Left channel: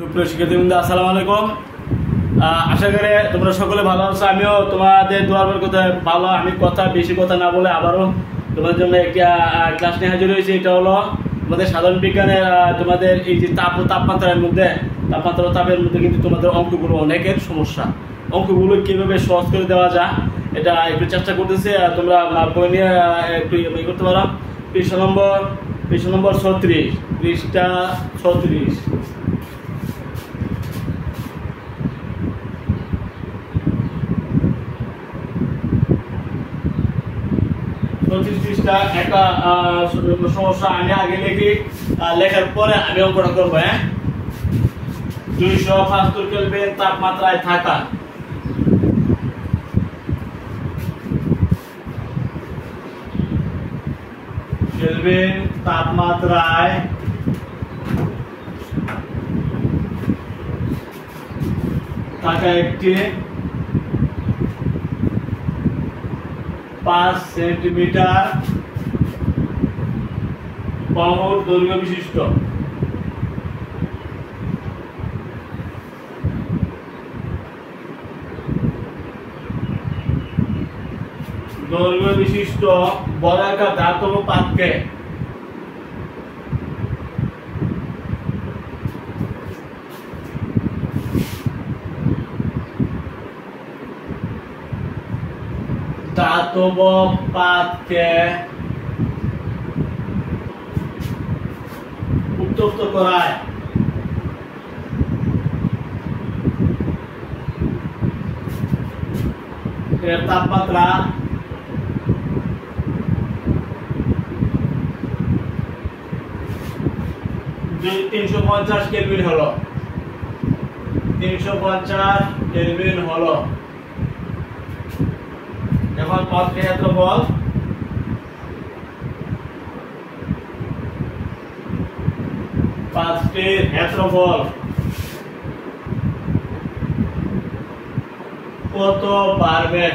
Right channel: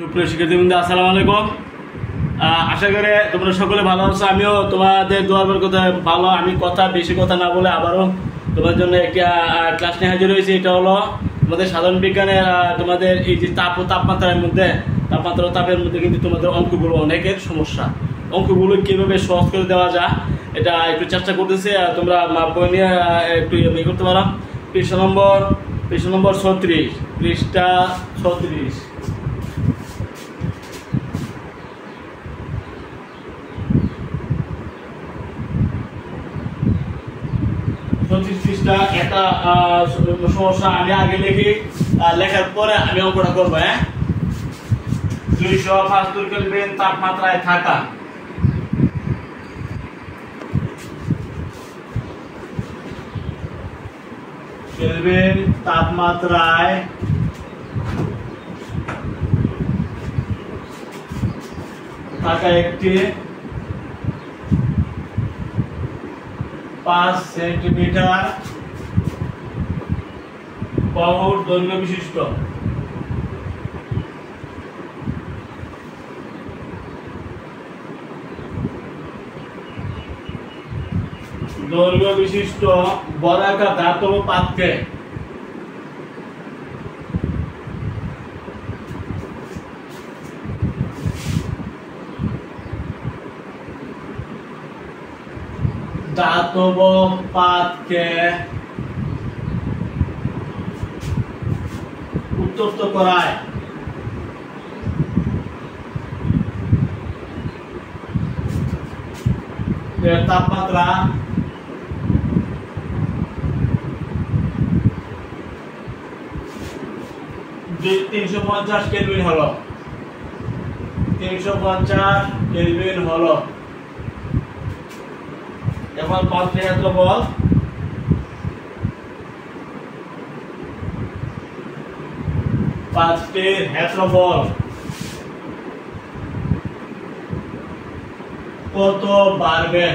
সুপ্রিয় শিক্ষার্থীবৃন্দ, আসসালামু আলাইকুম। আশা করি তোমরা সকলে ভালো আছো। আমিও তোমাদের দোয়ার কথা ভালো। আমি বেশি কথা না বলে আবারও তোমাদের জন্য একটি ক্লাস নিয়ে হাজির হয়েছি। এটা হলো তোমাদের সাধারণ বিজ্ঞানের তোমাদের এই যে তাপমাত্রার মধ্যে তাপের মধ্যে কিন্তু তোমাদের অঙ্কগুলো অনেকের সমস্যা। অঙ্কগুলো কীভাবে সহজ করে দেওয়া যায় এটা একটু চেষ্টা করতেছি। তোমরা বই নিয়ে একটু ইয়ে করতে পারো। পৃষ্ঠা নম্বর 36, পৃষ্ঠা 36। একটা সমস্যা আমি আগে লিখি, লেখার পরে আমি অঙ্কটা করবো। 275 কেলভিন তাপমাত্রায় থাকা কেলভিন তাপমাত্রায় থাকা একটি 5 সেন্টিমিটার বাহুর দৈর্ঘ্য বিশিষ্ট বর্গাকার ধাতব পাত্রে উত্তপ্ত করায় এর তাপমাত্রা 350 কেলভিন হলো। 350 কেলভিন হলো। এখন পাত্রের ক্ষেত্রফল পাত্রের ক্ষেত্রফল কত বাড়বে?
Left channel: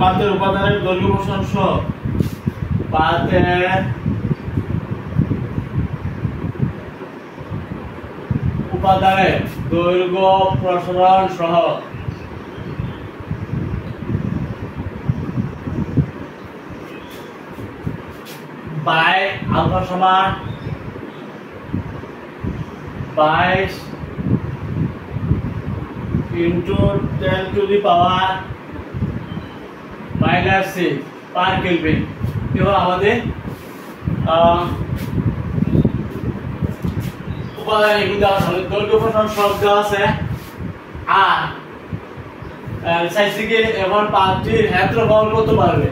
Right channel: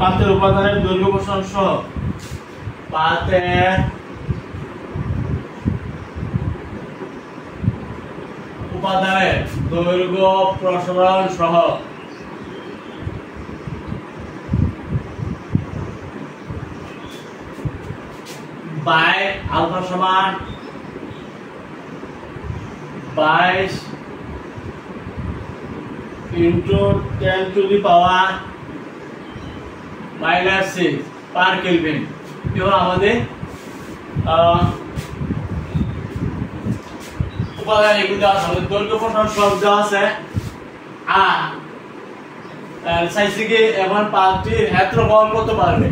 পাত্রের উপাদানের দৈর্ঘ্য প্রসারণ সহ পাত্রের উপাদানের দৈর্ঘ্য প্রসারণ সহ বাই আলফা সমান 22 into 10 to the power -6 per kelvin. এবার আমাদের উপাদানে কিন্তু আমাদের দৈর্ঘ্য প্রসারণ সহগ দেওয়া আছে। আর চাইছি কি এখন পাত্রের ক্ষেত্রফল কত বাড়বে।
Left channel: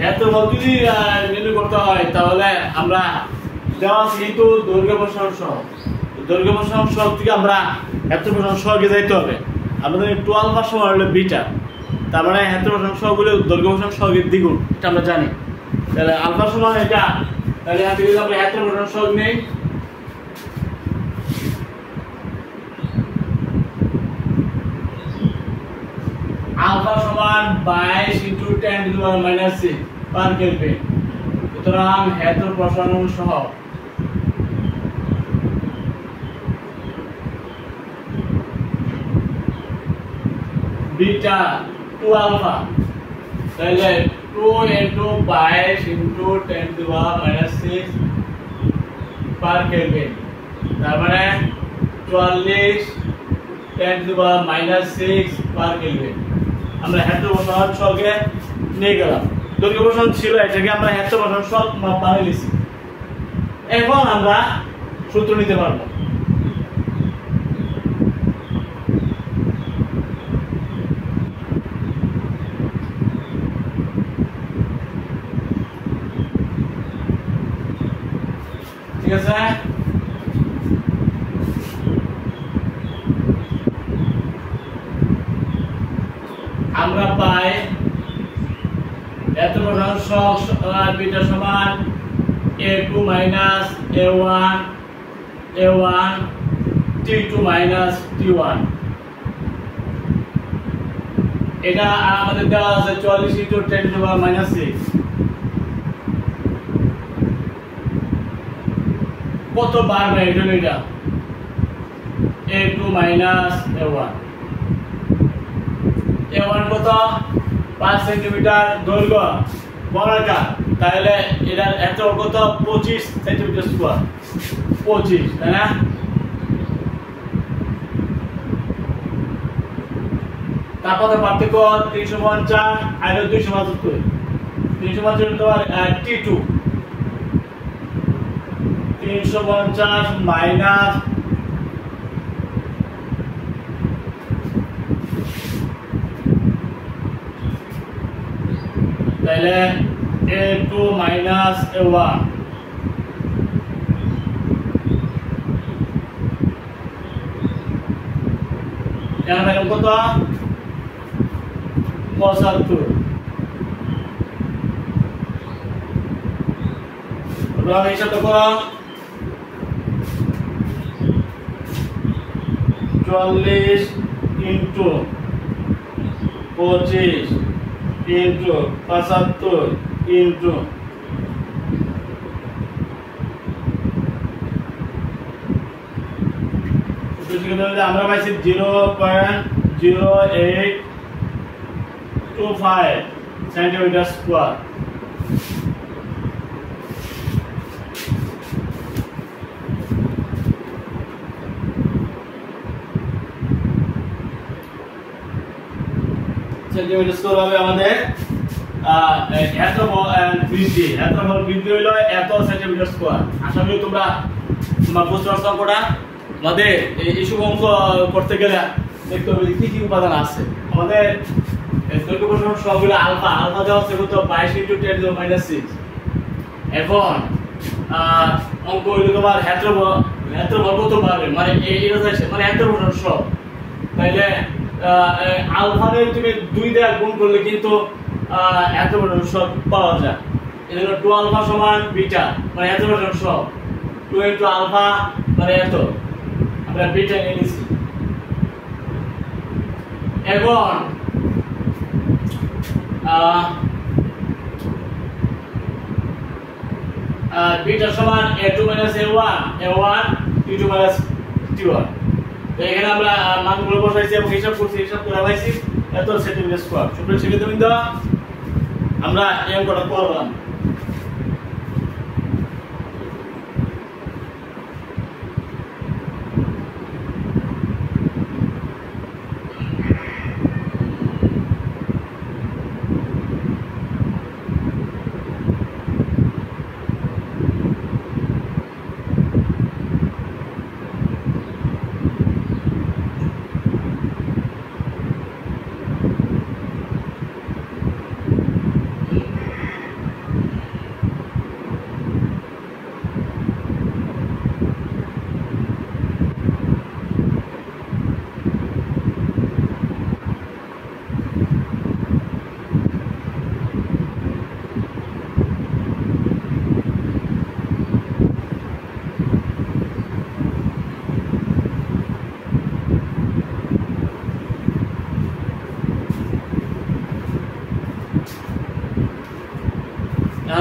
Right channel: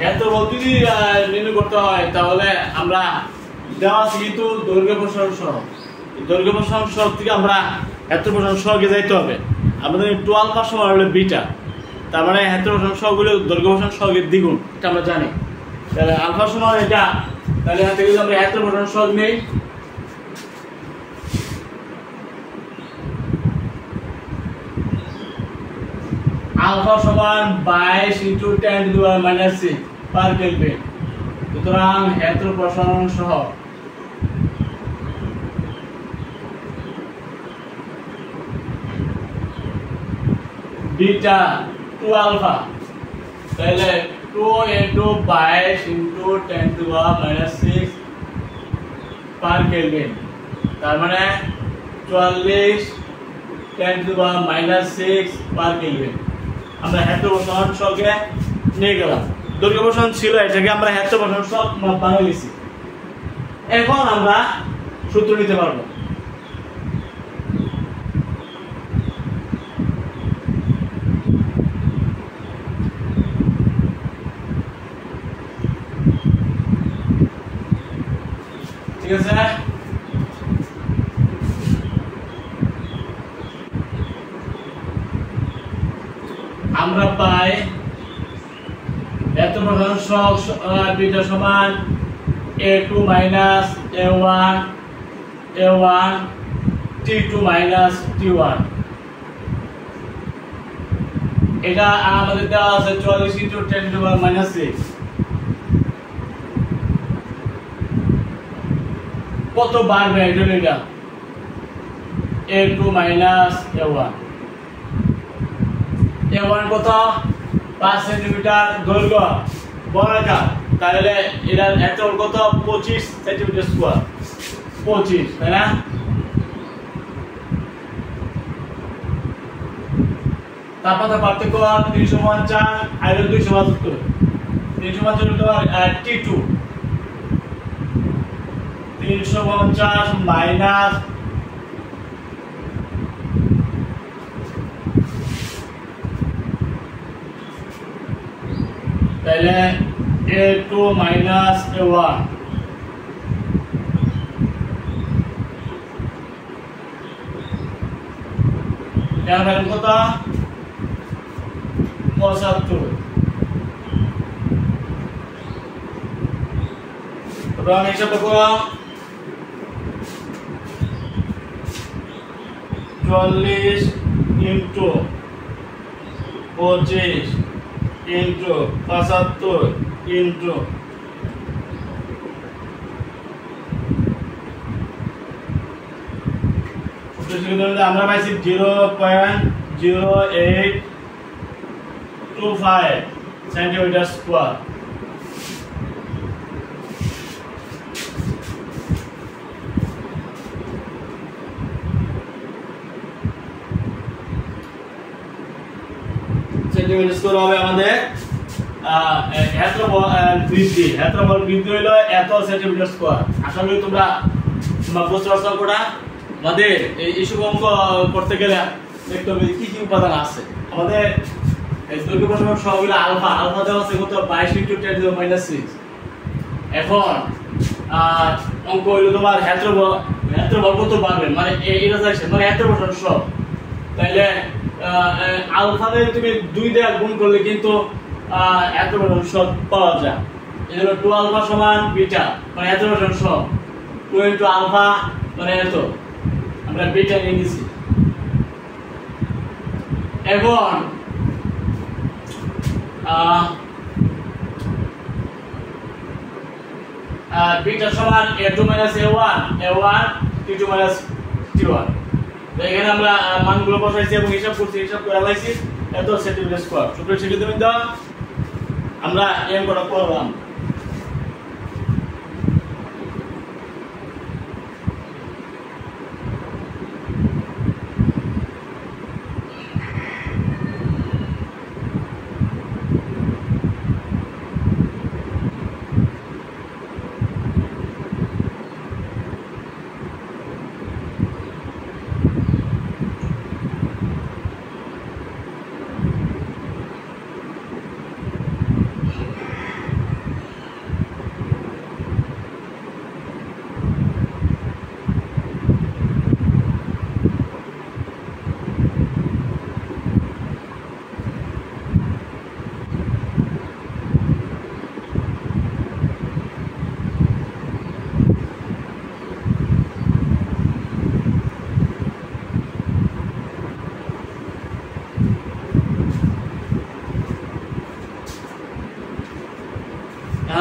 ক্ষেত্রফল যদি নির্ণয় করতে হয় তাহলে আমরা দেওয়া আছে কিন্তু দৈর্ঘ্য প্রসারণ সহগ থেকে আমরা ক্ষেত্র প্রসারণ সহগে যাইতে হবে। আমাদের 12 সমান হলো বিটা, তার মানে ক্ষেত্র প্রসারণ সহগ হলো দৈর্ঘ্য প্রসারণ সহগের দ্বিগুণ, এটা আমরা জানি। তাহলে আলফা সমান এটা, তাহলে এখান থেকে আমরা ক্ষেত্র প্রসারণ সহগ নেই। আলফা সমান 22 into 10 to the power -6 per kelvin. সুতরাং ক্ষেত্র প্রসারণ সহগ বিটা 2 আলফা, তাহলে 2 into 22 into 10 to the power -6 per kelvin, তার মানে 44 10 to the power -6 per kelvin. আমরা ক্ষেত্র প্রসারণ সহগে নিয়ে গেলাম। দৈর্ঘ্য প্রসারণ ছিল, এটাকে আমরা ক্ষেত্র প্রসারণ সহগ বানিয়ে নিয়েছি। এখন আমরা সূত্র নিতে পারবো। ঠিক আছে, আমরা পাই ক্ষেত্র প্রসারণ সহগ বিটা সমান a2 minus a1 t2 minus t1। এটা আমাদের দেওয়া আছে 44 into 10 to the power -6 কত বাড়বে এটা এটা a2 মাইনাস a1 a1 কত 5 সেন্টিমিটার দৈর্ঘ্য বর্গাকার তাহলে এটার এত কত 25 সেন্টিমিটার স্কয়ার 25 তাই না তাপমাত্রা পার্থক্য 350 আর 275 350 তোমার T2 350 মাইনাস তাহলে a2 মাইনাস a1 এর ভ্যালু কত 75 রং হিসাব করো 40 ইনটু 25 ইনটু 75 ইনটু আমরা পাইছি 0.0825 সেন্টিমিটার স্কয়ার সেন্টিমিটার স্কয়ার হবে আমাদের ক্ষেত্রফল বৃদ্ধি হলো এত সেন্টিমিটার স্কয়ার আশা করি তোমরা বুঝতে পারছো কোটা আমাদের এইসব অঙ্ক করতে গেলে দেখতে হবে কি কি উপাদান আছে আমাদের দৈর্ঘ্য প্রসারণ সবগুলো আলফা দেওয়া আছে কত 22 × 10⁻⁶ এখন অঙ্ক হইলো তোমার ক্ষেত্রফল কত পারবে মানে এটা দেখছে মানে ক্ষেত্রফল সব তাইলে আলফাতে তুমি 2 দিয়ে গুণ করলে কিন্তু ক্ষেত্রফল সব পাওয়া যায় এজন্য 2 আলফা সমান বিটা মানে ক্ষেত্রফল সব 2 * আলফা মানে এত আমরা বিটা নিয়ে নিছি এখন বিটা সমান a2 - a1 t2 - t1 তো এখানে আমরা মানগুলো বসাইছি এবং হিসাব করে আলাইছি এত সেন্টিমিটার স্কয়ার সুপ্রিয় শিক্ষার্থীবৃন্দ আমরা এই অঙ্কটা করলাম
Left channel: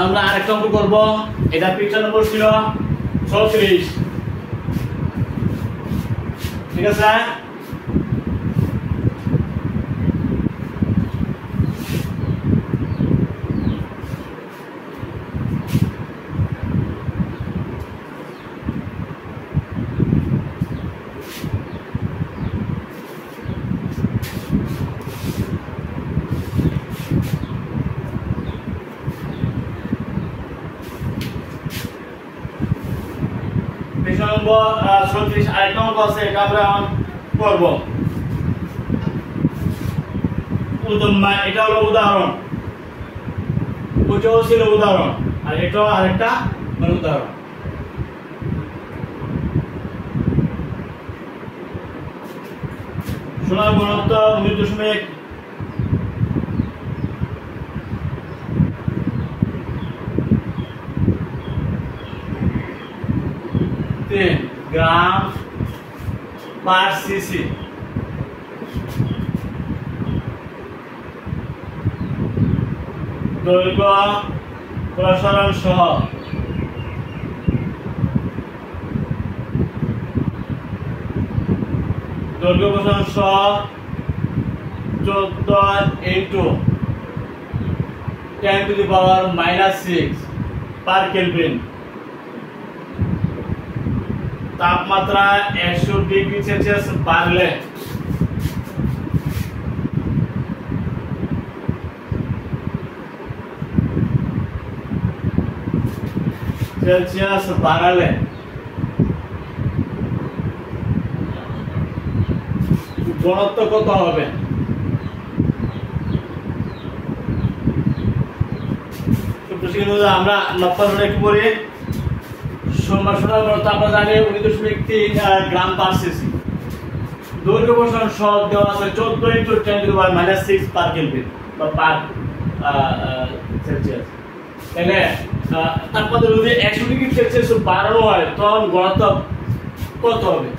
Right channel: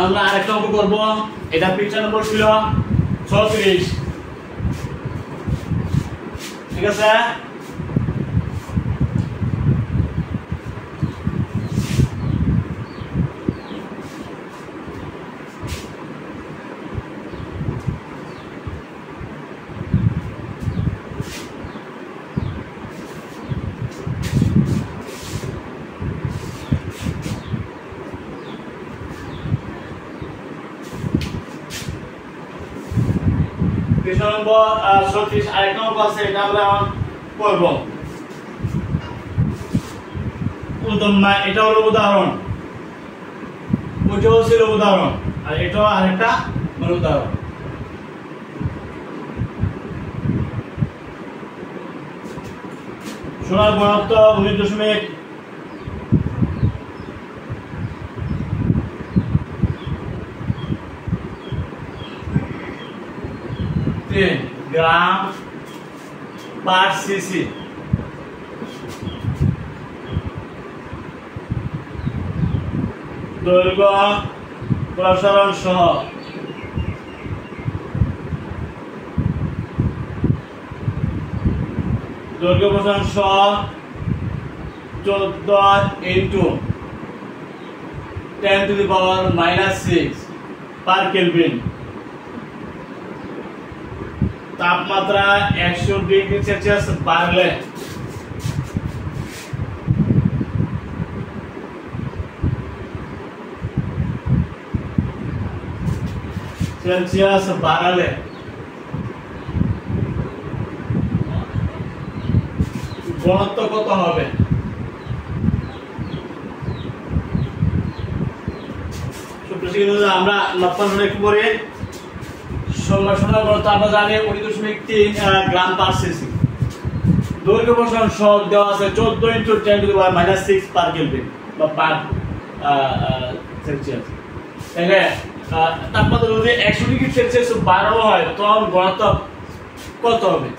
আমরা আরেকটা অঙ্ক করব এটা পৃষ্ঠা নম্বর ছিল 36 ঠিক আছে নম্বর 36 আরেক নম্বর আছে এটা আমরা করব এটা হলো উদাহরণ ওটাও ছিল উদাহরণ আর এটাও আরেকটা উদাহরণ সোনার ঘনত্ব 19.3 গ্রাম পার সিসি দৈর্ঘ্য প্রসারণ সহ দৈর্ঘ্য প্রসারণ সহগ 14 into 10 to the power -6 per kelvin. তাপমাত্রা 100 ডিগ্রি সেলসিয়াস বাড়লে বাড়ালে ঘনত্ব কত হবে? আমরা নফল কি করি? সোনার ঘনত্ব আমরা জানি 19.3 গ্রাম পার সিসি। দৈর্ঘ্য প্রসারণ সহগ দেওয়া আছে 14 into 10 to the power -6 per kelvin বা পার সেলসিয়াস। তাহলে তাপমাত্রা যদি 100 ডিগ্রি সেলসিয়াস বাড়ানো হয় তখন ঘনত্ব কত হবে?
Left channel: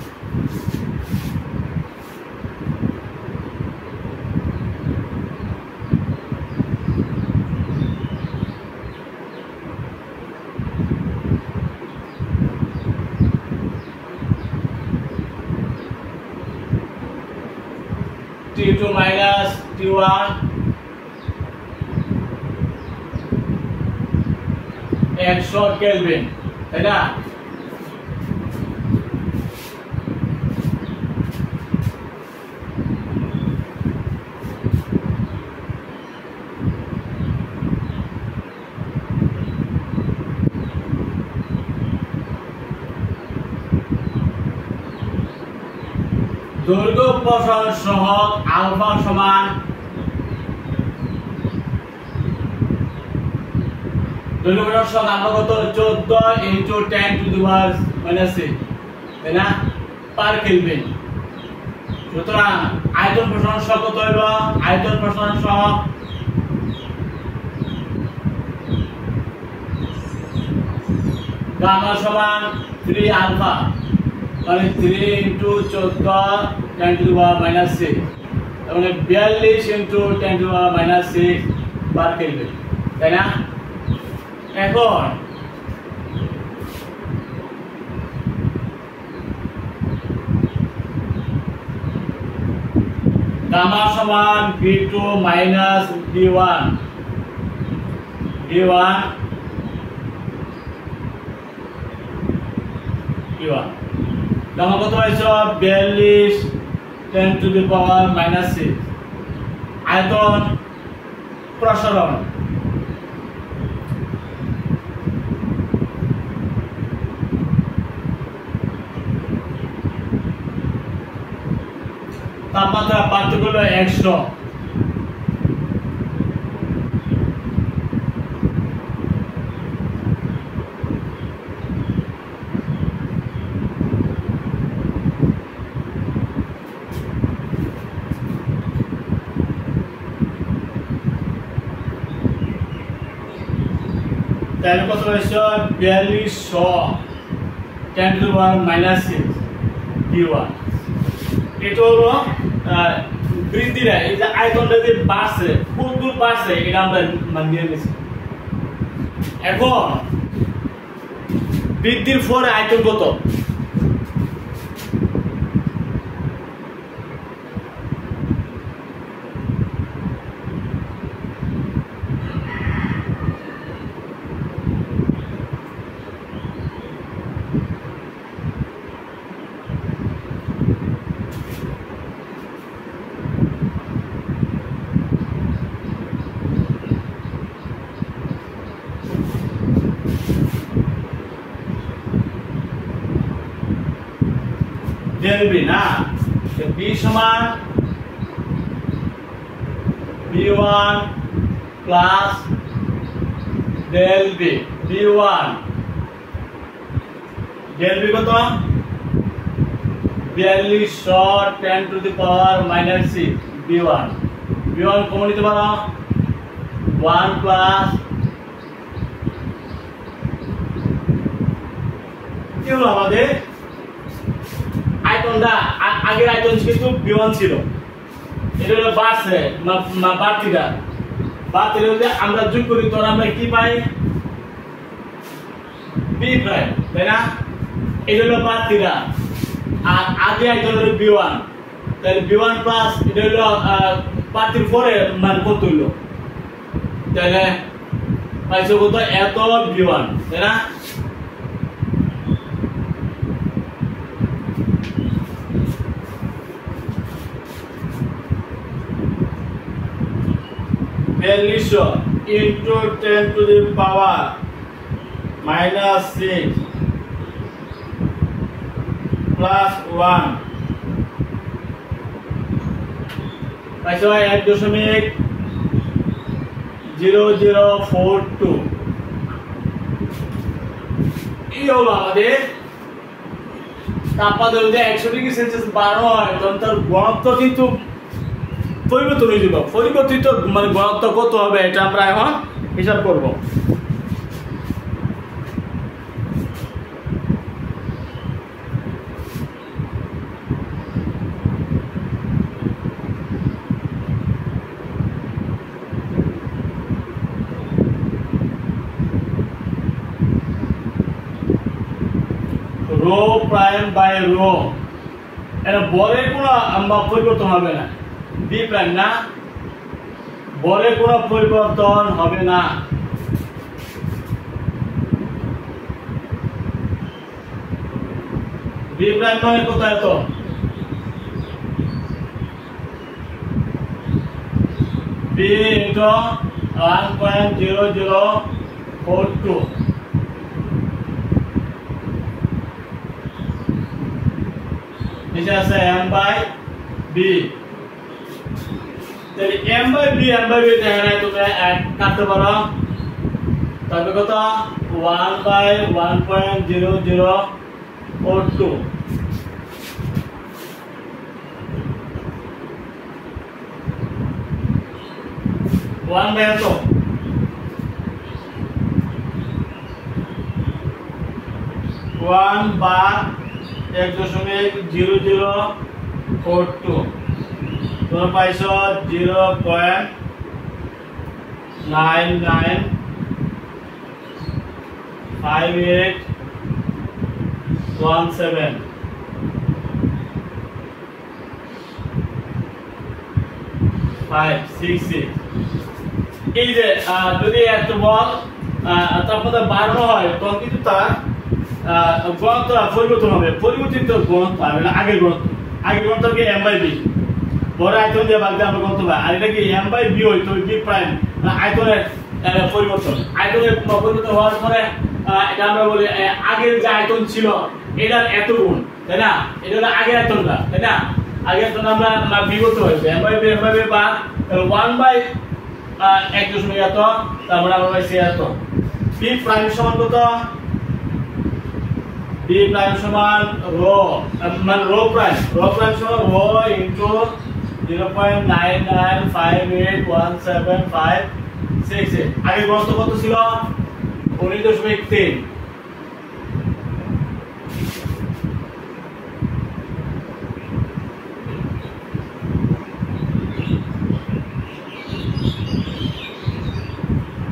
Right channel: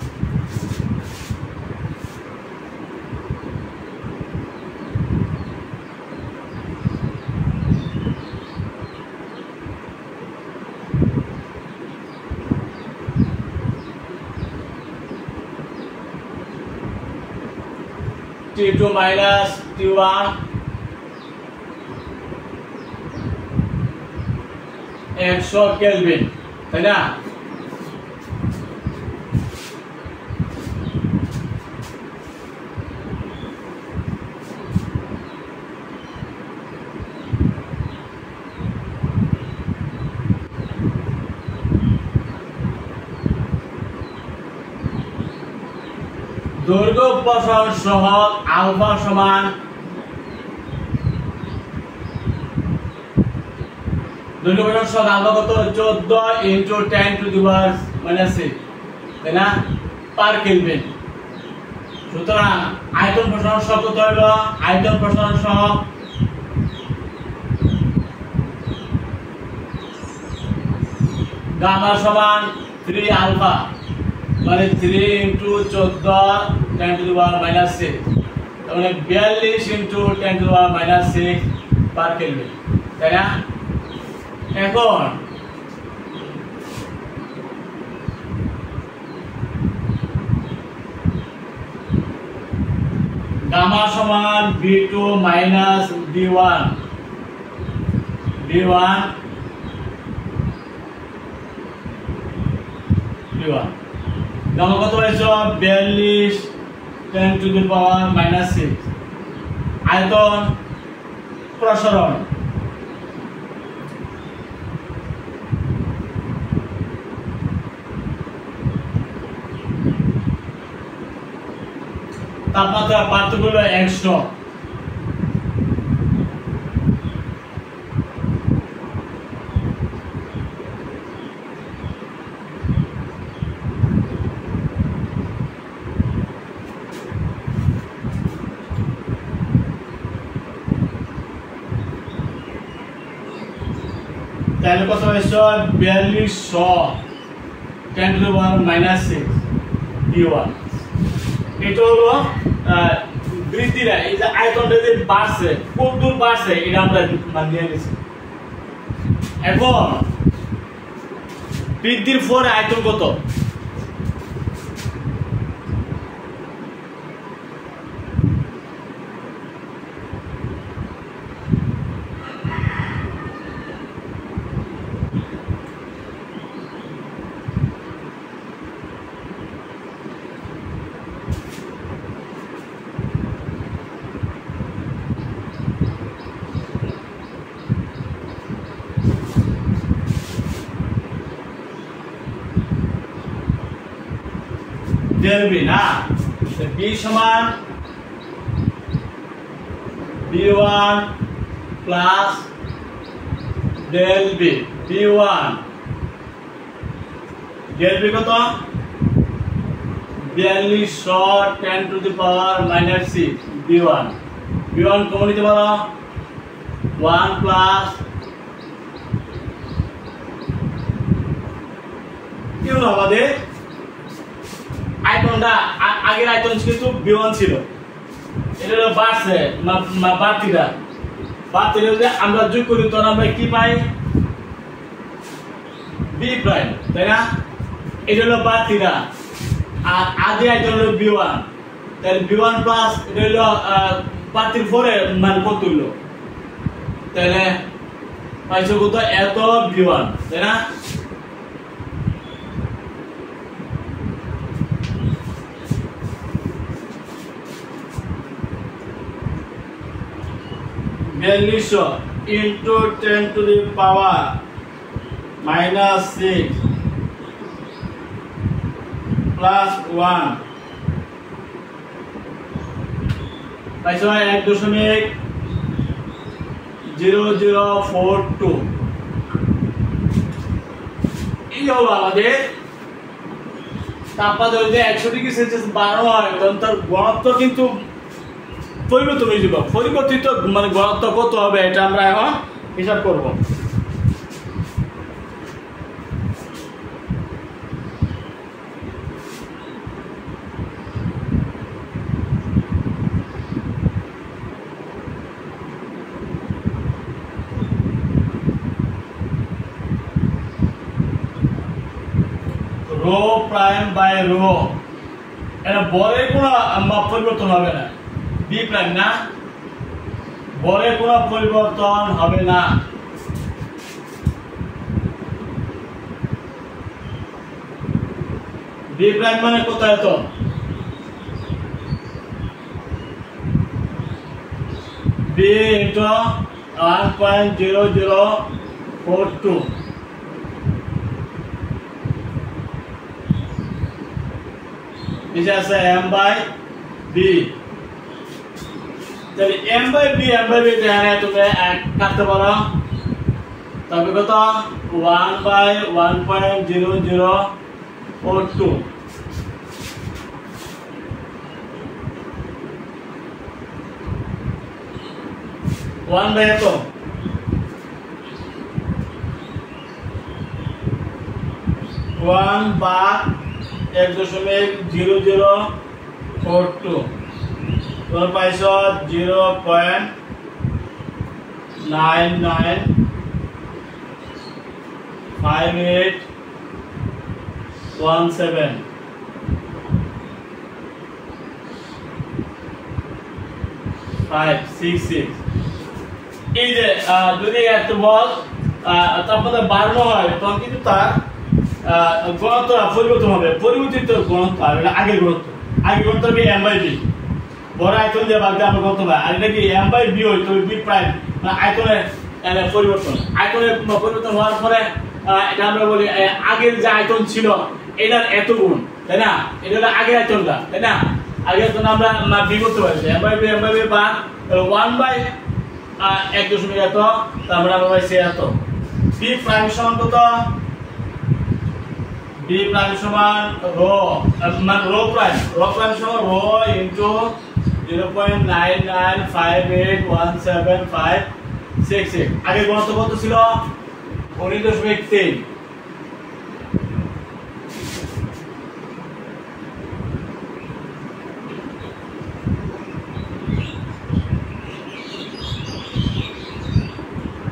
T2 minus T1 100 কেলভিন, তাই না? দৈর্ঘ্য প্রসারণ সহগ আলফা সমান দৈর্ঘ্য প্রসারণ সহগ আলফা কত? 14 ইনটু 10 টু দি পাওয়ার -6, তাই না, পার কেলভিন। সুতরাং আয়তন প্রসারণ সহগ কত হইব? আয়তন প্রসারণ সহগ গামা সমান 3 আলফা মানে 3 ইনটু 14 10 টু দি পাওয়ার -6, মানে 42 ইনটু 10 টু দি পাওয়ার -6 বার কেলভিন, তাই না? এখন গামা সমান B2 মাইনাস B1 গামা কত হয়েছে? 42 10 টু দি পাওয়ার -6। আয়তন প্রসারণ তাপমাত্রা পার্থক্য হলো 100। তাহলে কত হয়েছে? 4200 10 টু দি পাওয়ার -6 B1। এটা হলো বৃদ্ধিরা, এই যে আয়তনটা যে বাড়ছে, কোন দূর বাড়ছে এটা আমরা মানিয়ে নিয়েছি। এখন বৃদ্ধির পরে আয়তন কত? del B না, B সমান B1 plus del B। B1 del B কত? 4200 10 to the power -6 B1। B1 common নিতে পারো 1 প্লাস কি হলো আমাদের আয়তনটা আগের আয়তন কিন্তু B1 ছিল, এটা হলো বাড়ছে বাড়তিটা যদি আমরা যোগ করি তখন আমরা কি পাই? B প্রাইম, তাই না? এটা হলো বাড়তিটা আর আগে আয়তন হলো B1। তাহলে b1 প্লাস এটা হলো পার্থির পরে মানে কত হইলো, তাহলে পাইছো কত এত b1, তাই না? into 10 to the power minus 6 plus 1 পাইছো 1.0042। এই হলো আমাদের তাপমাত্রা যদি 100 ডিগ্রি সেলসিয়াস বাড়ানো হয় তখন তার ঘনত্ব কিন্তু পরিবর্তন হয়ে যাবে। পরিবর্তিত মানে ঘনত্ব কত হবে এটা আমরা এখন হিসাব করব। রো প্রাইম বাই রো, এর বরের কোনো পরিবর্তন হবে না। বি প্রাইম না, বরের কোনো পরিবর্তন হবে না। বি প্রাইম মানে কত এত, বি ইন্টু 1.0042 নিচে আছে m বাই বি। তাহলে m বাই বি এখানে তুমি কাটতে পারো, তবে কত 1 বাই 1.0042 1 বাই এত 1 বা 1.0042 তোমরা পাইছো 0.995817 566। এই যে যদি এত বল তাপমাত্রা বাড়ানো হয় তখন কিন্তু তার ঘনত্ব পরিবর্তন হবে। পরিবর্তিত ঘনত্ব আর আগের ঘনত্ব, আগের ঘনত্ব কি m বাই বি, বড় আয়তন দিয়ে বাদ দিয়ে আমরা ঘনত্ব পাই। আর এটা কি m বাই বি হয়, তো বি প্রাইম মানে আয়তনের পরিবর্তন। আয়তনের পরিবর্তন হওয়ার পরে এটা আমরা বলি আগের যে আয়তন ছিল এটার এত গুণ, তাই না? এটা হলো আগের আয়তনটা, তাই না? আগের আয়তন আমরা বি করতে পারি, m বাই বি বা 1 বাই 1 এত, তারপরে আমরা পাইছি এত। বি প্রাইম সমান কত, বি প্রাইম সমান রো মানে রো প্রাইম সমান রো ইনটু 0.99581756। আগে ঘনত্ব কত ছিল 19.3।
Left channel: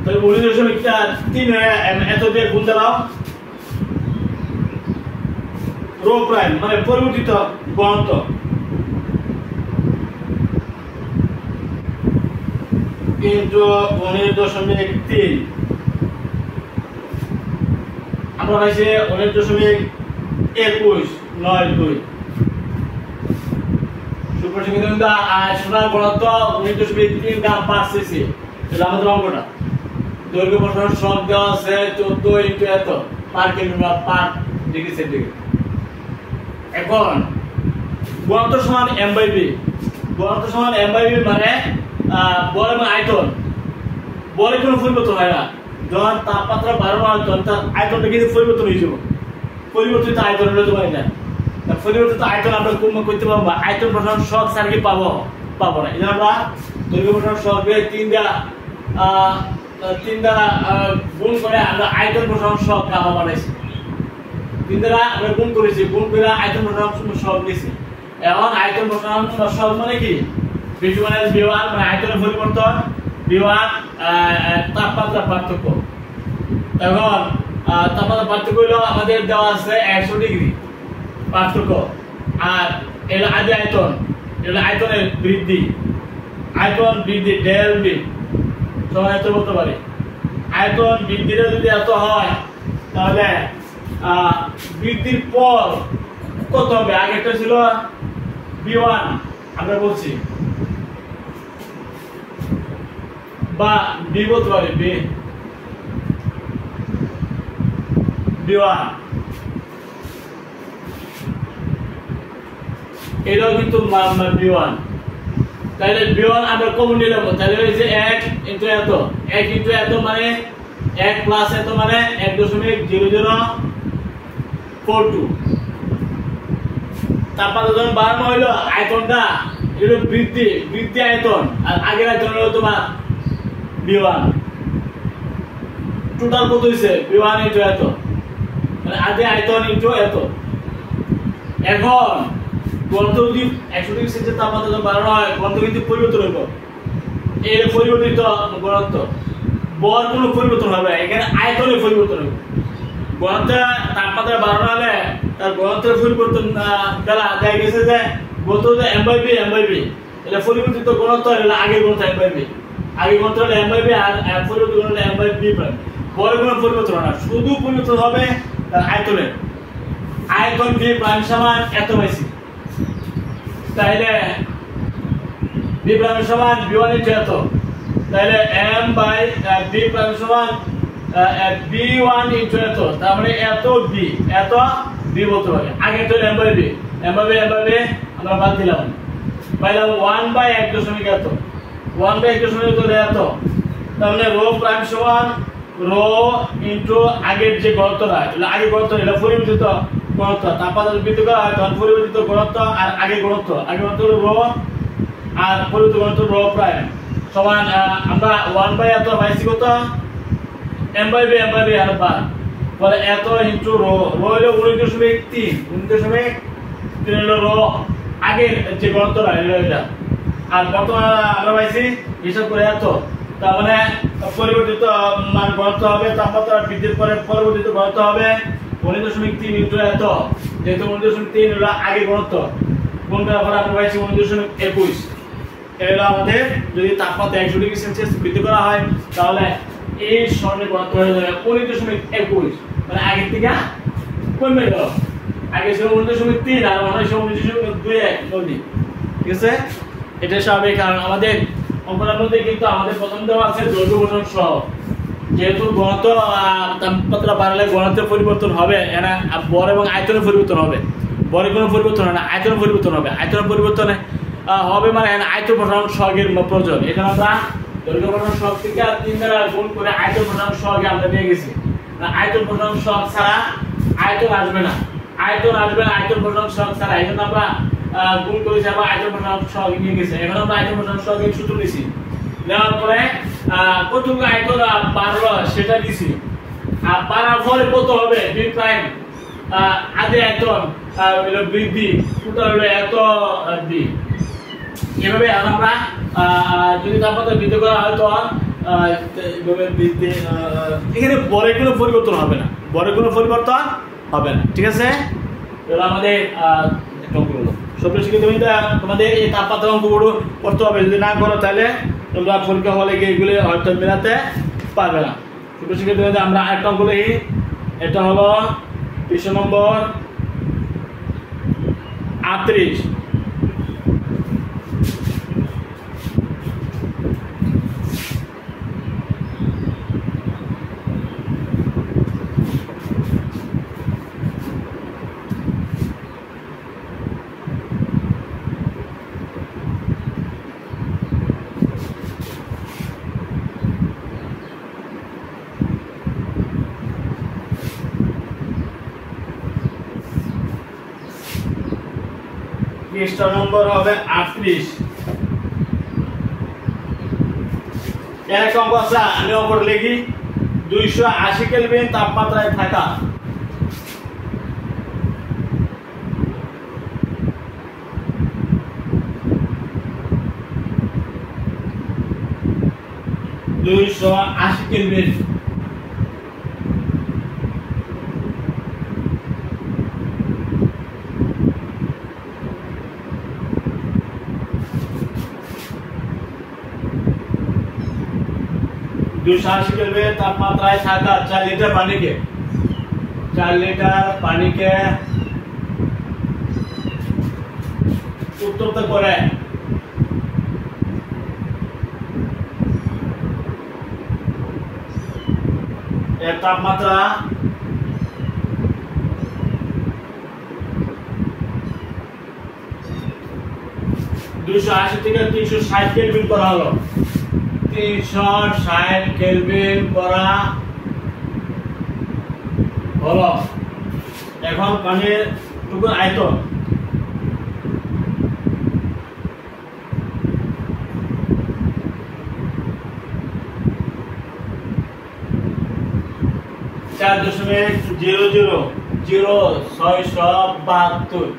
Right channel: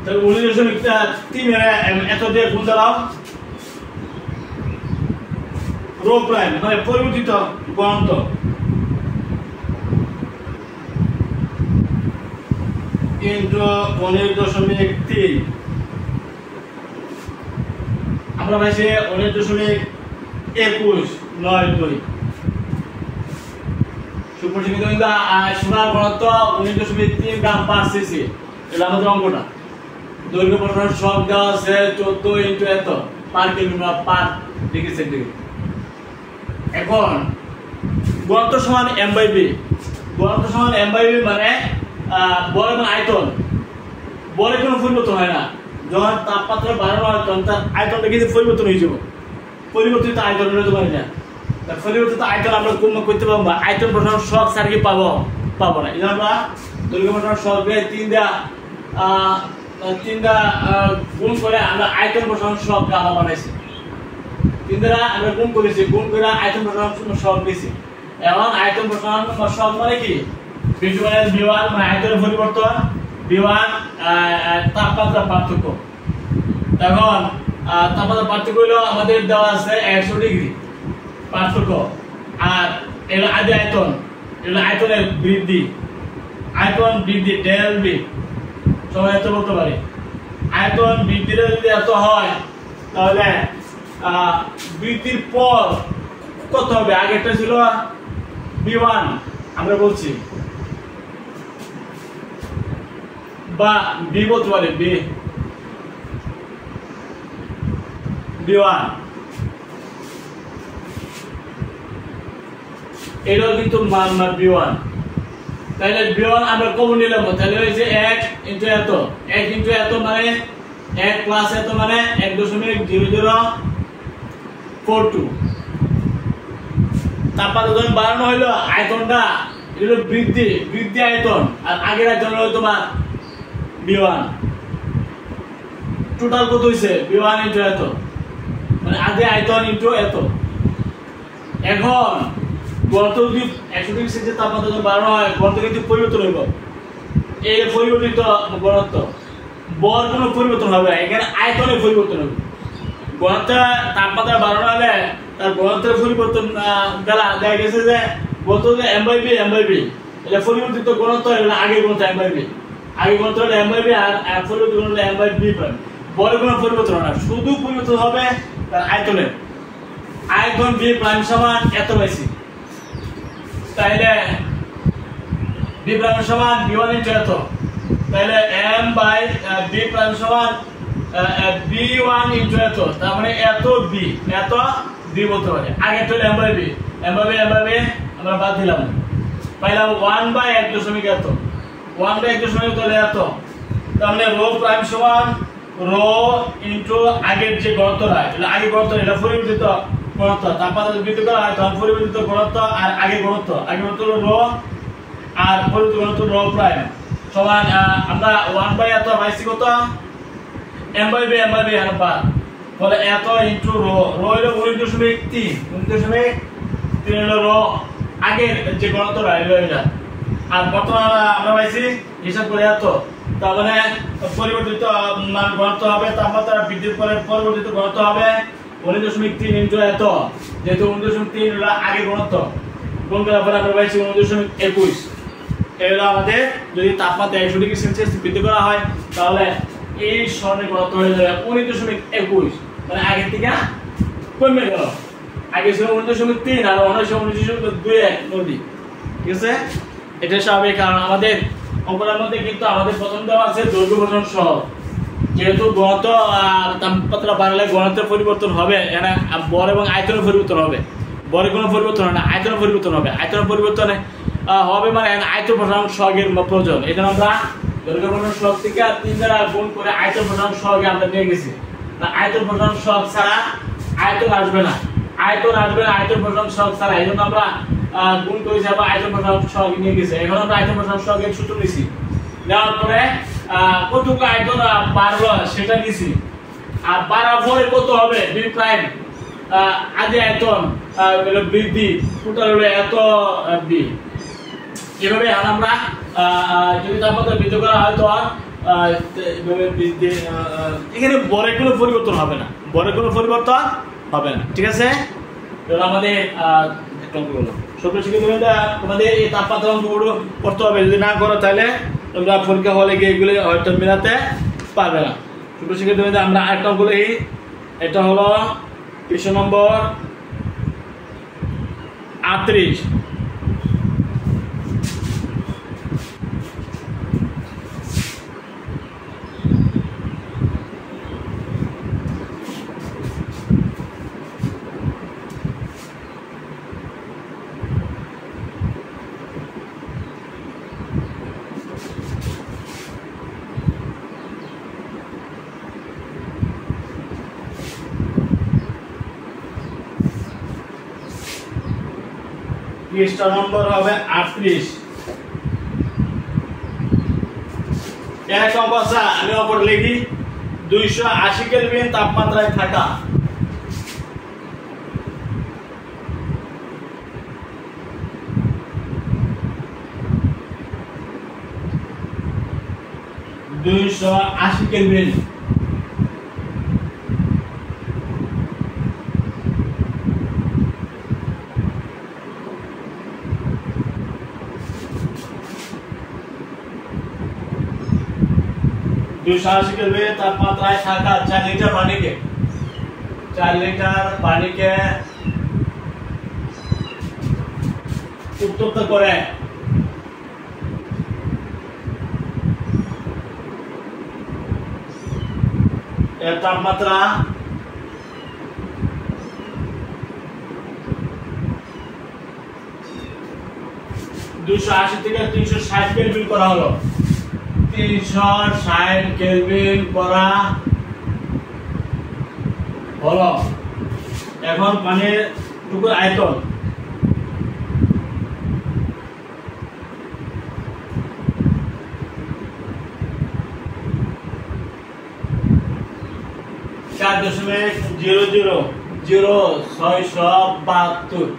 তাহলে 19.3 এত দিয়ে গুণ দাও রো প্রাইম মানে পরিবর্তিত ঘনত্ব ইনটু 19.3 আমরা পাইছি 19.2192। সুপ্রসিদ্ধ সোনার ঘনত্ব 19.3 গ্রাম পার সিসি। এটা আমাদের অঙ্কটা। দৈর্ঘ্য প্রসারণ সব দেওয়া আছে 14 ইনটু এত পার কিলোমিটার পার ডিগ্রি সেন্টিগ্রেড। এখন ঘনত্ব সমান m বাই বি, ঘনত্ব সমান m বাই বি মানে বল এবং আয়তন, বলের কোনো পরিবর্তন হয় না। যখন তাপমাত্রা বাড়ানো হয় তখন তার আয়তনটা কিন্তু পরিবর্তন হয়ে যাবে। পরিবর্তিত আয়তন হলে তো পারি না, পরিবর্তিত আয়তন আমরা করতে পারবো। আয়তন প্রসারণ শক সার্কি পাবো না। এই জন্য আমরা দৈর্ঘ্য প্রসারণ শককে 3 দ্বারা গুণ করে আমরা আয়তন প্রসারণ শক আমরা বানাইছি। 3 দ্বারা আমরা গুণ করেছি, গুণ করে আয়তন প্রসারণ শক নিয়েছি। এখন আয়তন প্রসারণ শক মানে কি, ভিজুয়ালাইজ V1 মানে আয়তনের পরিবর্তন, V1 তাপমাত্রা পার্থক্য। তখন তাপমাত্রা পার্থক্য হলো আমাদের দেওয়া আছে 100 ডিগ্রি পার্থক্য, আর এর আদি আয়তন এটা আয়তনের বৃদ্ধি, আয়তন বৃদ্ধি ডেল বি সবাই এত বলতে পারে। আয়তন বৃদ্ধিটা যদি এত হয় তাহলে বৃদ্ধির পর কত হবে? আগেরটা ছিল b1 আমরা বলছি, বা b বলতে পারি b1, এটাও কিন্তু মান b1। তাহলে b1 আমরা কমন নিলাম, তাহলে এই যে 1 ইনটু এত, 1 ইনটু এত মানে 1 প্লাস এত মানে 1.0042। তারপরে যখন বাড়ানো হইলো আয়তনটা, এটা বৃদ্ধি আয়তন, আর আগের আয়তন হলো তোমার b1। টোটাল কত হইছে? b1 ইনটু এত, মানে আগে আয়তন ইনটু এত। এখন ঘনত্ব যদি 100 ডিগ্রি সেলসিয়াস তাপমাত্রা যখন বাড়ানো হয়, ঘনত্ব কিন্তু পরিবর্তন হইব। এই পরিবর্তিত ঘনত্ব, বল কোনো পরিবর্তন হবে না, এখানে আয়তনের পরিবর্তন হবে। ঘনত্ব তাপমাত্রা বাড়ানো হলে তার ঘনত্বের পরিবর্তন বেলা দেখা গেছে যে বলতো যে m/v এটা পরিবর্তিত ঘনত্ব, এটা আগের ঘনত্ব m/v, আগের ঘনত্ব হলো m/v আর পরিবর্তিত ঘনত্ব হলো m/v প্রাইম। বলের কোনো পরিবর্তন হবে না, শুধু পরিবর্তন হবে তার আয়তনের। আয়তন v প্রাইম সমান এত পাইছি, তাহলে v প্রাইম সমান v1 ইনটু এত, তাহলে m/v প্রাইম সমান b1 ইনটু এত, তার মানে এত b বলতে পারে। আগে তো m/v আমরা বাদ দিলাম, পাইলাম 1/1 এত, 1/1 হলে এত, তার মানে রো প্রাইম সমান রো ইনটু আগের যে ঘনত্বটা, এটা আগের ঘনত্ব, এটা পরিবর্তিত ঘনত্ব। তাপমাত্রা বৃদ্ধি করা হয় তখন পরিবর্তিত ঘনত্ব আর আগের ঘনত্ব হলো রো আর পরিবর্তিত ঘনত্ব রো প্রাইম সমান আমরা 1/এত পাইছি কত? m/v আর বার, বলে এত ইনটু রো হলো 19.3 হলো রো আগের যে ঘনত্বটা এটা, আর বর্তমানে আমরা পাইছি হিসাব করে এত, তার মানে পরিবর্তিত মান ঘনত্ব হবে, তাপমাত্রা বৃদ্ধির পরে পরিবর্তিত ঘনত্ব হবে 19.3 ইনটু এত, যেহেতু 19.3 হলো আগের ঘনত্ব, কোন করার পরে আমরা পাইছি 19.21। এটা হলো আমাদের, যদি তাপমাত্রা 100 ডিগ্রি সেলসিয়াস বৃদ্ধি করা হয় তাহলে এই সরণের ঘনত্ব হয়ে যাবে 19.21, মানে আগের থেকে কমে গেল। আগে ছিল 19.3 আর 19.21 নদী, ঠিক আছে? এটা স্বাভাবিক, কারণ আমাদের অঙ্কটার মধ্যে কিন্তু আমাদের প্রথম দেওয়া আছে দৈর্ঘ্য প্রসারণ সহ। যেহেতু ঘনত্ব তাপমাত্রা বাড়লে ঘনত্বের পরিবর্তন হবে, এখানে বর এবং আয়তনের পরিবর্তন হবে। বরে কোনো পরিবর্তন হয় না, আয়তনের পরিবর্তন হবে। আয়তনের পরিবর্তনে হবে মানে আয়তন প্রসারণ সহগের প্রয়োজন। এখানে আমরা দৈর্ঘ্য প্রসারণ সহগ থেকে 3 দ্বারা গুণ করে আয়তন প্রসারণ সহগে আমরা নিয়ে গেছি। আয়তন প্রসারণ সহগ ছাড়া আয়তন আসবে না, আয়তন প্রসারণ সহগ ছাড়া। এই জন্য আমরা গুণ করেছি এবং আয়তন প্রসারণ সহগ নিয়ে গেছি। এখন আমরা আয়তন প্রসারণ সহগের সূত্র নিছি, নেওয়ার পরে কতটুকু আয়তন বাড়লো সেটা নিছি, আর বাড়ার পরে কত হবে b প্রাইম আগে আয়তন হলো বৃদ্ধি, টোটাল হলো এত b। এভাবে আমরা যদি তাপমাত্রা বৃদ্ধি করা হয় তখন এইভাবে বৃদ্ধি, এখানে বরের কোনো পরিবর্তন হবে না, ঠিক আছে? আমাদের একটা অঙ্ক হলো তোমাদের এই তাপমাত্রা অঙ্কগুলো করতে হবে। যদি না করো তাহলে তোমরা পরীক্ষা হলে গিয়ে এগুলো হয়তো মেলাতে পারবে না। ছোটো শিক্ষার্থী আমরা আরেকটা অঙ্ক লিখি, এটা হলো পৃষ্ঠা নম্বর 38। পৃষ্ঠা নম্বর হবে 38। এক অঙ্ক আছে, আমি অপর লিখি 280 কেলভিন তাপমাত্রায় থাকা কেলভিন 280 কেলভিন তাপমাত্রায় থাকা 4 লিটার পানিকে 4 লিটার পানিকে উত্তপ্ত করে এর তাপমাত্রা 280 থেকে 360 কেলভিন করা হলো। 360 কেলভিন করা হলো। এখন পানির টুকুর আয়তন (4.000672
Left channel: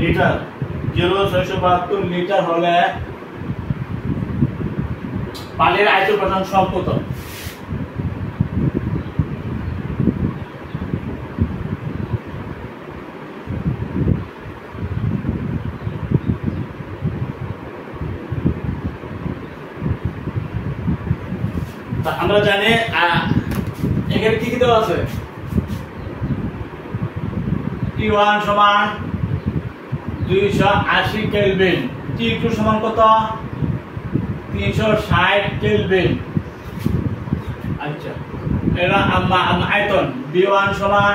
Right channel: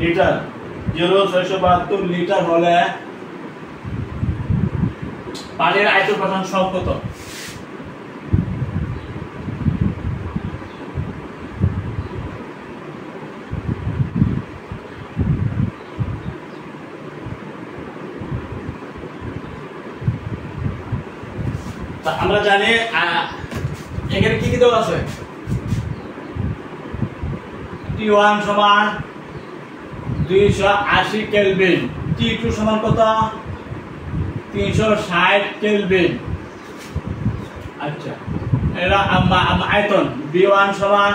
লিটার 0672 লিটার হলে পানির আয়তন প্রধান সব কত? আমরা জানি এখানে কি কি দেওয়া আছে। T1 সমান 280 কেলভিন, T2 সমান কত? 360 কেলভিন। আচ্ছা, এরা আয়তন B1 সমান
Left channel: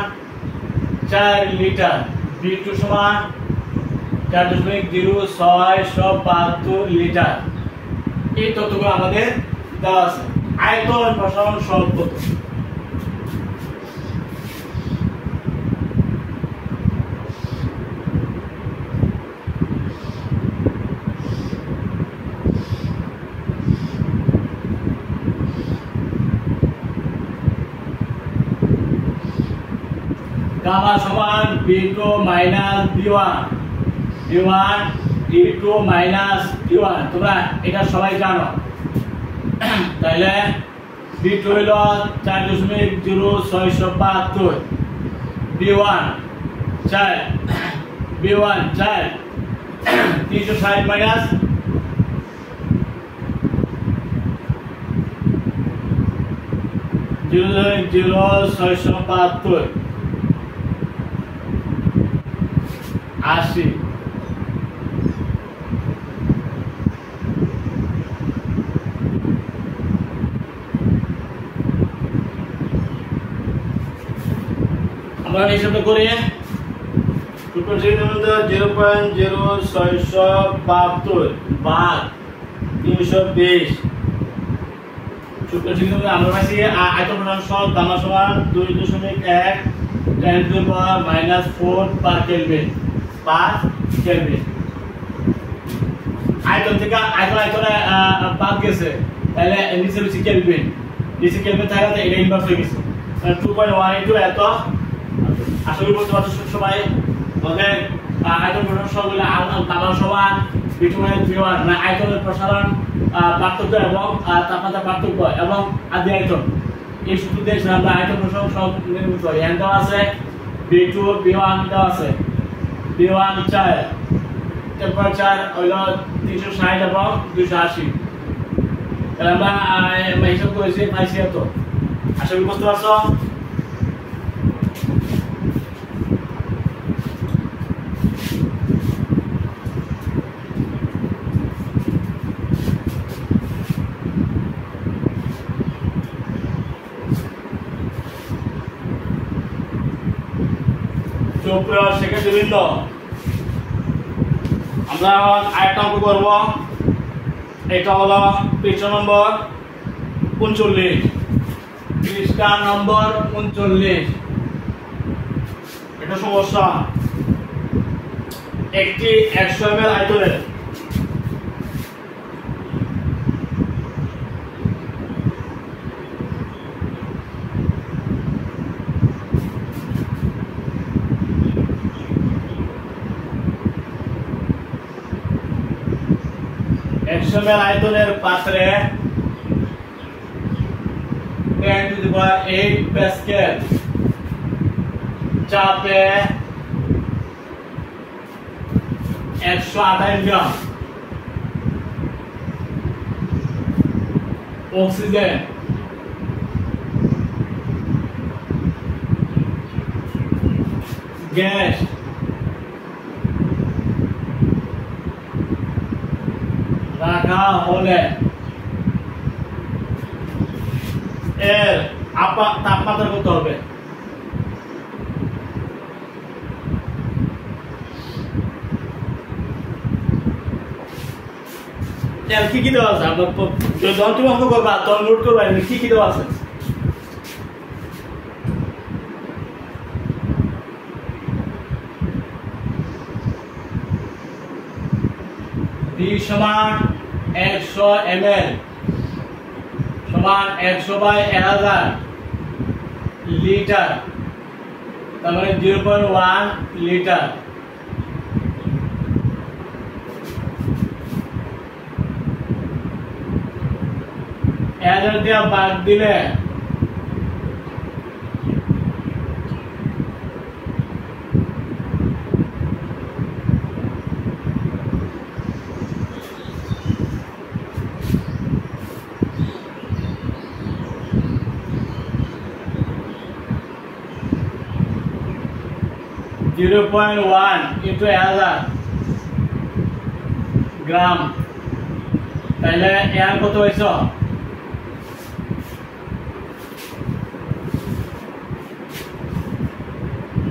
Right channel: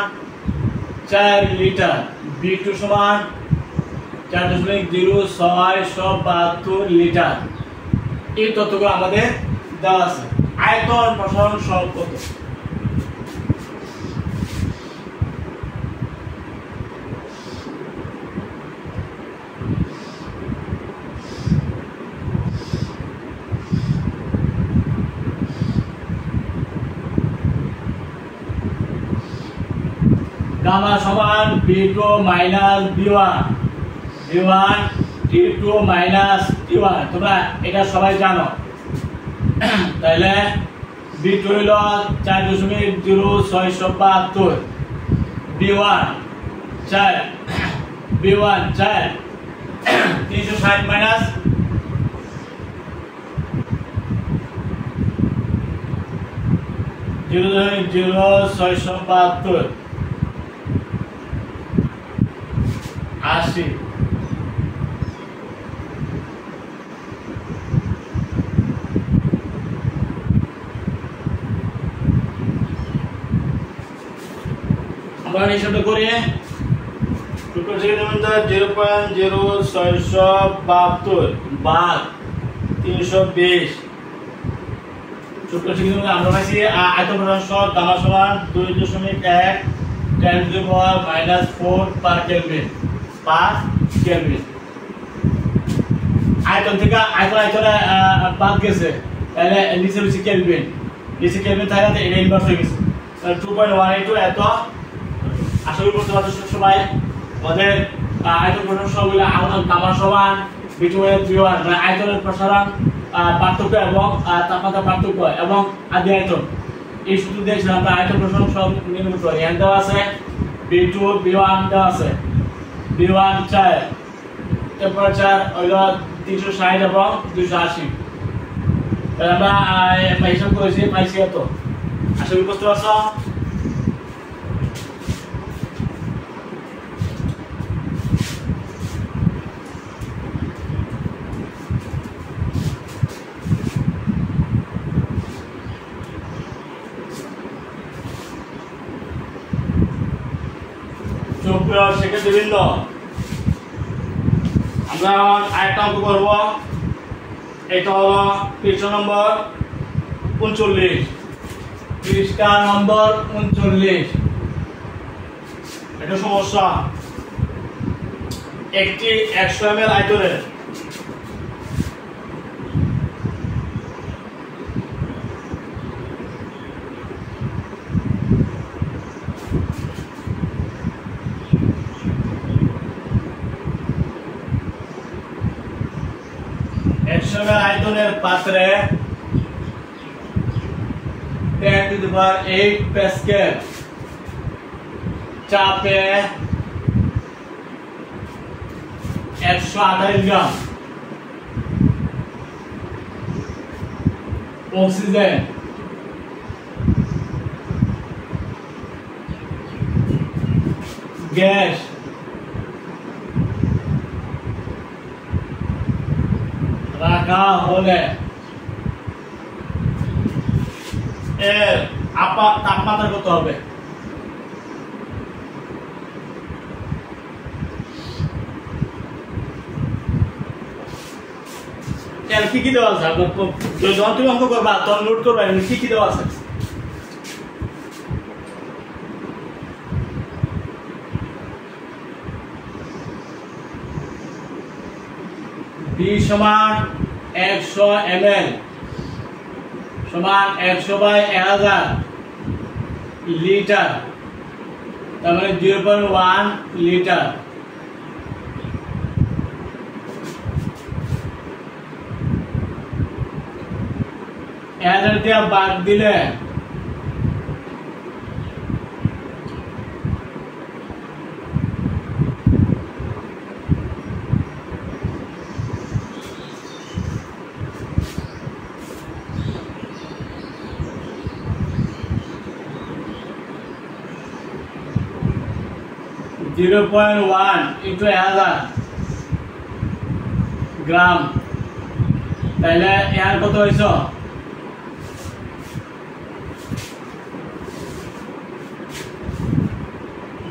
4 লিটার, B2 সমান 4.0672 লিটার। এই তথ্যগুলো আমাদের দেওয়া আছে। আয়তন প্রসারণ সহগ কত? গামা সমান B2 minus B1, B1 T2 minus T1। তোমরা এটা সবাই জানো। তাহলে B2 হইল 4.0672, B1 4, B1 4, 360 মাইনাস 0.0672 80। আমরা হিসাবটা করি। 0.0672 ভাগ 320। আমরা পাইছি আয়তন প্রসারণ সহগ গামা সমান 2.1 10⁻⁻4 পার কেলভিন। আয়তন থেকে আয়তনে বাদ গেছে, তাহলে নিচে হচ্ছে কেলভিন। নিচে কেলভিন থাকাতে এটা ইনভার্স হয়ে গেছে। 2.1 এত আশা করি বুঝতে পারছো সবাই। আমাদের আয়তন প্রসারণ সহগগুলো গামা সমান B2 B1, মানে আয়তনের প্রসারণ পার্থক্য এবং তাপমাত্রা পার্থক্য এবং আদি আয়তন। এই সূত্র দিয়ে আমরা আয়তন প্রসারণ সহগ নির্ণয় করি। এখানে দেওয়া আছে B2 B1 দেওয়া আছে। B1 4, টেম্পারেচার হইল 360 এবং 280। তাহলে আমরা হিসাব করেছি পাইছি এত। আশা করি বুঝতে পারছো। সেক্ষেত্রে আমরা আরেকটা অঙ্ক করবো। এটা হলো পৃষ্ঠা নম্বর 39, পৃষ্ঠা নম্বর 39। এটা সমস্যা। একটি 100 ml আয়তনের আয়তনের পাত্রে 10⁸ প্যাসকেল চাপে 128 গ্রাম অক্সিজেন গ্যাস রাখা হলে এর তাপমাত্রা কত হবে? কি কি দেওয়া আছে? যখন তুমি অঙ্ক করবা তখন নোট করবা কি কি দেওয়া আছে। D সমান 100 ml সমান 100/1000 লিটার, তার মানে 0.1 লিটার। দিয়ে বাদ দিলে (0.1 into 1000 গ্রাম, তাহলে এর কত হয়েছ?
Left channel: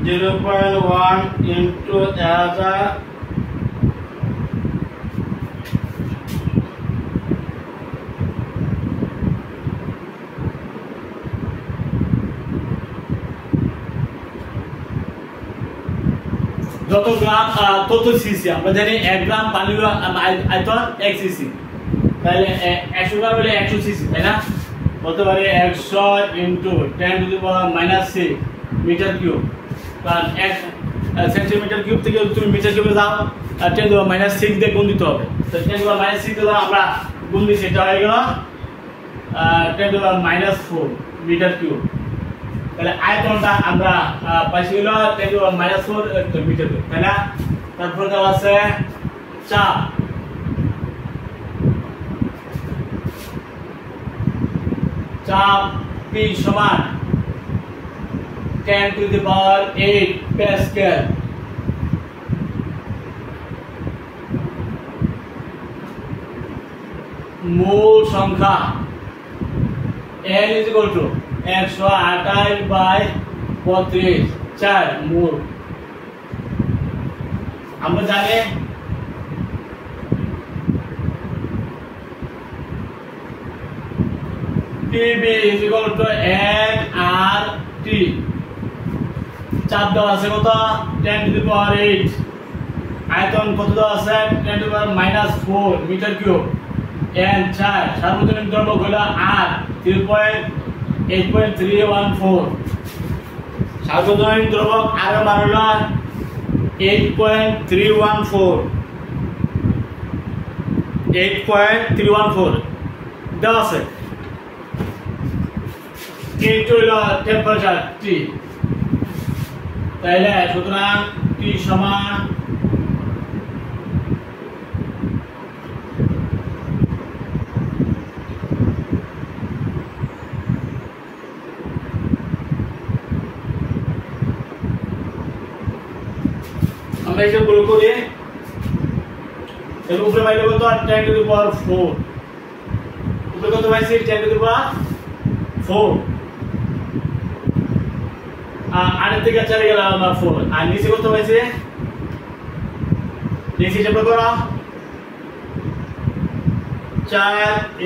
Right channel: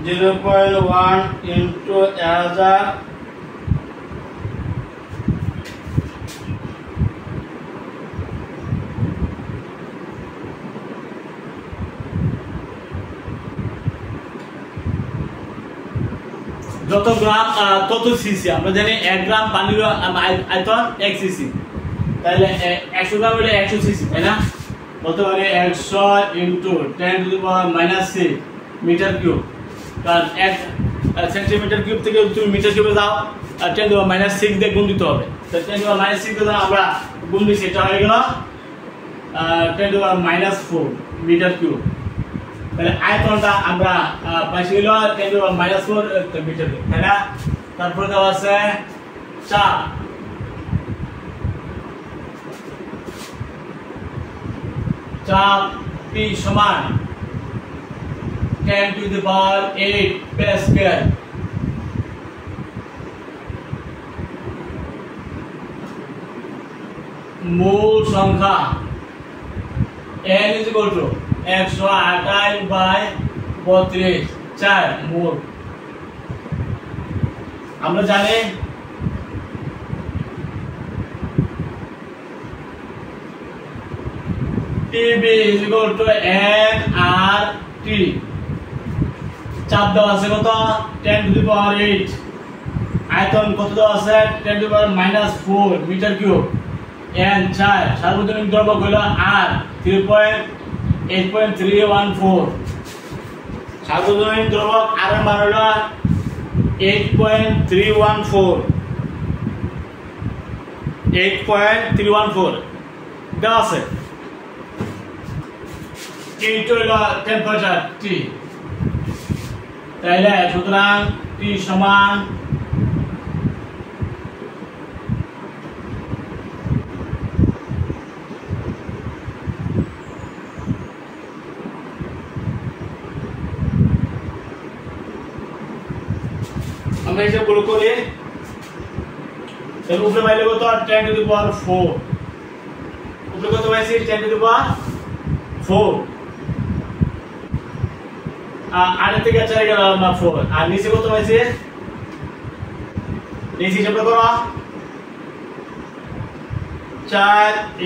(0.1 into 1000 যত গ্রাম তত সিসি। আমরা জানি 1 গ্রাম পানির আয়তন 1 সিসি, তাহলে 100 গ্রাম হলে 100 সিসি, তাই না? বলতে পারি 100 into 10⁻⁻6 মিটার কিউব, কারণ 1 সেন্টিমিটার কিউব থেকে তুমি মিটার কিউবে যাও 10⁻6 দিয়ে গুণ দিতে হবে। তো 10⁻6 দিয়ে আমরা গুণ দিচ্ছি, এটা হয়ে গেল 10⁻4 মিটার কিউব। তাহলে আয়তনটা আমরা পাইছি হলো 10⁻4 মিটার কিউব, তাই না? তারপরে দেওয়া আছে চাপ, চাপ P সমান 10⁸ প্যাসকেল। মূল সংখ্যা n = 128/32 4 মূল। আমরা জানি PV = nRT। চাপ দেওয়া আছে কত? 10⁸। আয়তন কত দেওয়া আছে? 10⁻⁻4 মিটার কিউব। n 4, সার্বজনীন দ্রব্যক হলো R 3.8.314। সার্বজনীন দ্রব্যক R এর মান হলো 8.314 দেওয়া আছে। কিন্তু হলো টেম্পারেচার T, তাইলে সুতরাং T সমান আমরা এটা গুলো করি, এর উপরে পাইলে কত? 10⁴। উপরে কত পাইছি? 10⁴। আর থেকে 4 গেল 4, আর নিচে কত পাইছি? নিচে হিসাব করো 4 ×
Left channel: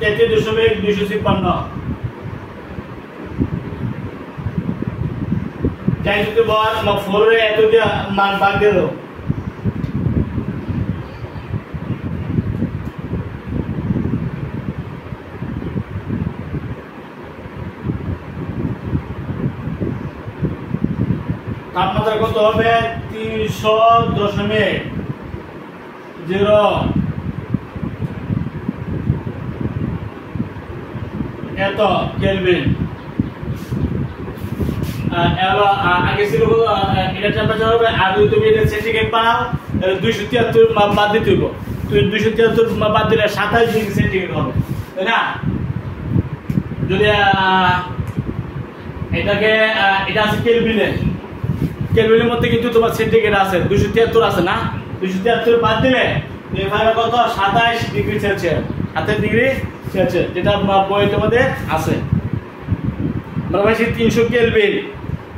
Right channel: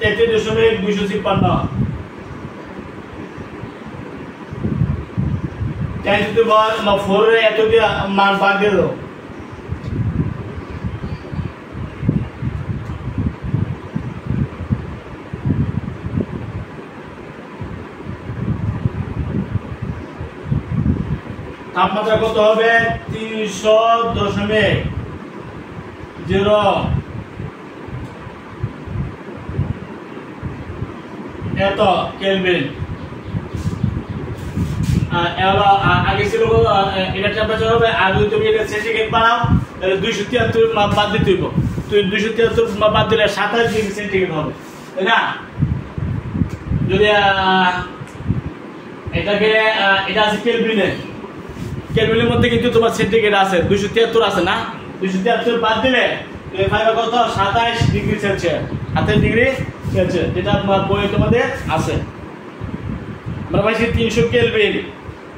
8.33.256। 10⁴ এত দিয়ে মান বাদ দিয়ে দাও। তাপমাত্রা কত হবে? 300.0 এত কেলভিন। আগে ছিল এটা টেম্পারেচার হবে, আর যদি তুমি এটা সেন্টিগ্রেড বানাও তাহলে 273 বাদ দিতে হইব। 273 বাদ দিলে 27 ডিগ্রি সেন্টিগ্রেড হবে, তাই না? যদি এটাকে এটা আছে কেলভিনে, কেলভিনের মধ্যে কিন্তু তোমার সেন্টিগ্রেড আছে 273 আছে না, 273 বাদ দিলে পাবে কত 27 ডিগ্রি সেলসিয়াস, 27 ডিগ্রি সেলসিয়াস, যেটা তোমার বইয়ের মধ্যে আছে। আমরা পাইছি 300 কেলভিন,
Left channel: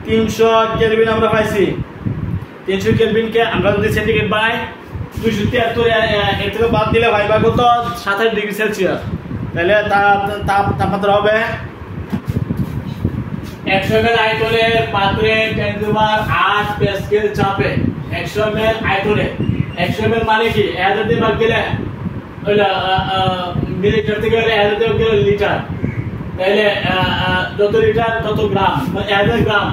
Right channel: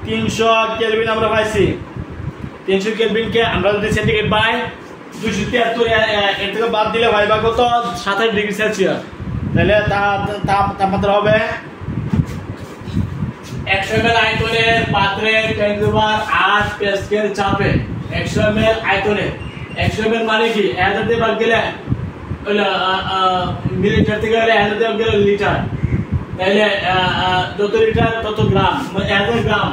300 কেলভিন আমরা পাইছি। 300 কেলভিনকে আমরা যদি সেন্টিগ্রেড বানাই 273 এর থেকে বাদ দিলে ভাইবা কত 27 ডিগ্রি সেলসিয়াস, তাহলে তাপমাত্রা হবে 100 ml আয়তনের পাত্রে 10⁸ প্যাসকেল চাপে, 100 ml আয়তনে, 100 ml মানে কি 1000 দিয়ে ভাগ গেলে হলো মিলিলিটার থেকে হলে 1000 দিয়ে গেলে লিটার, তাহলে যত লিটার তত গ্রাম, মানে 1000 গ্রাম,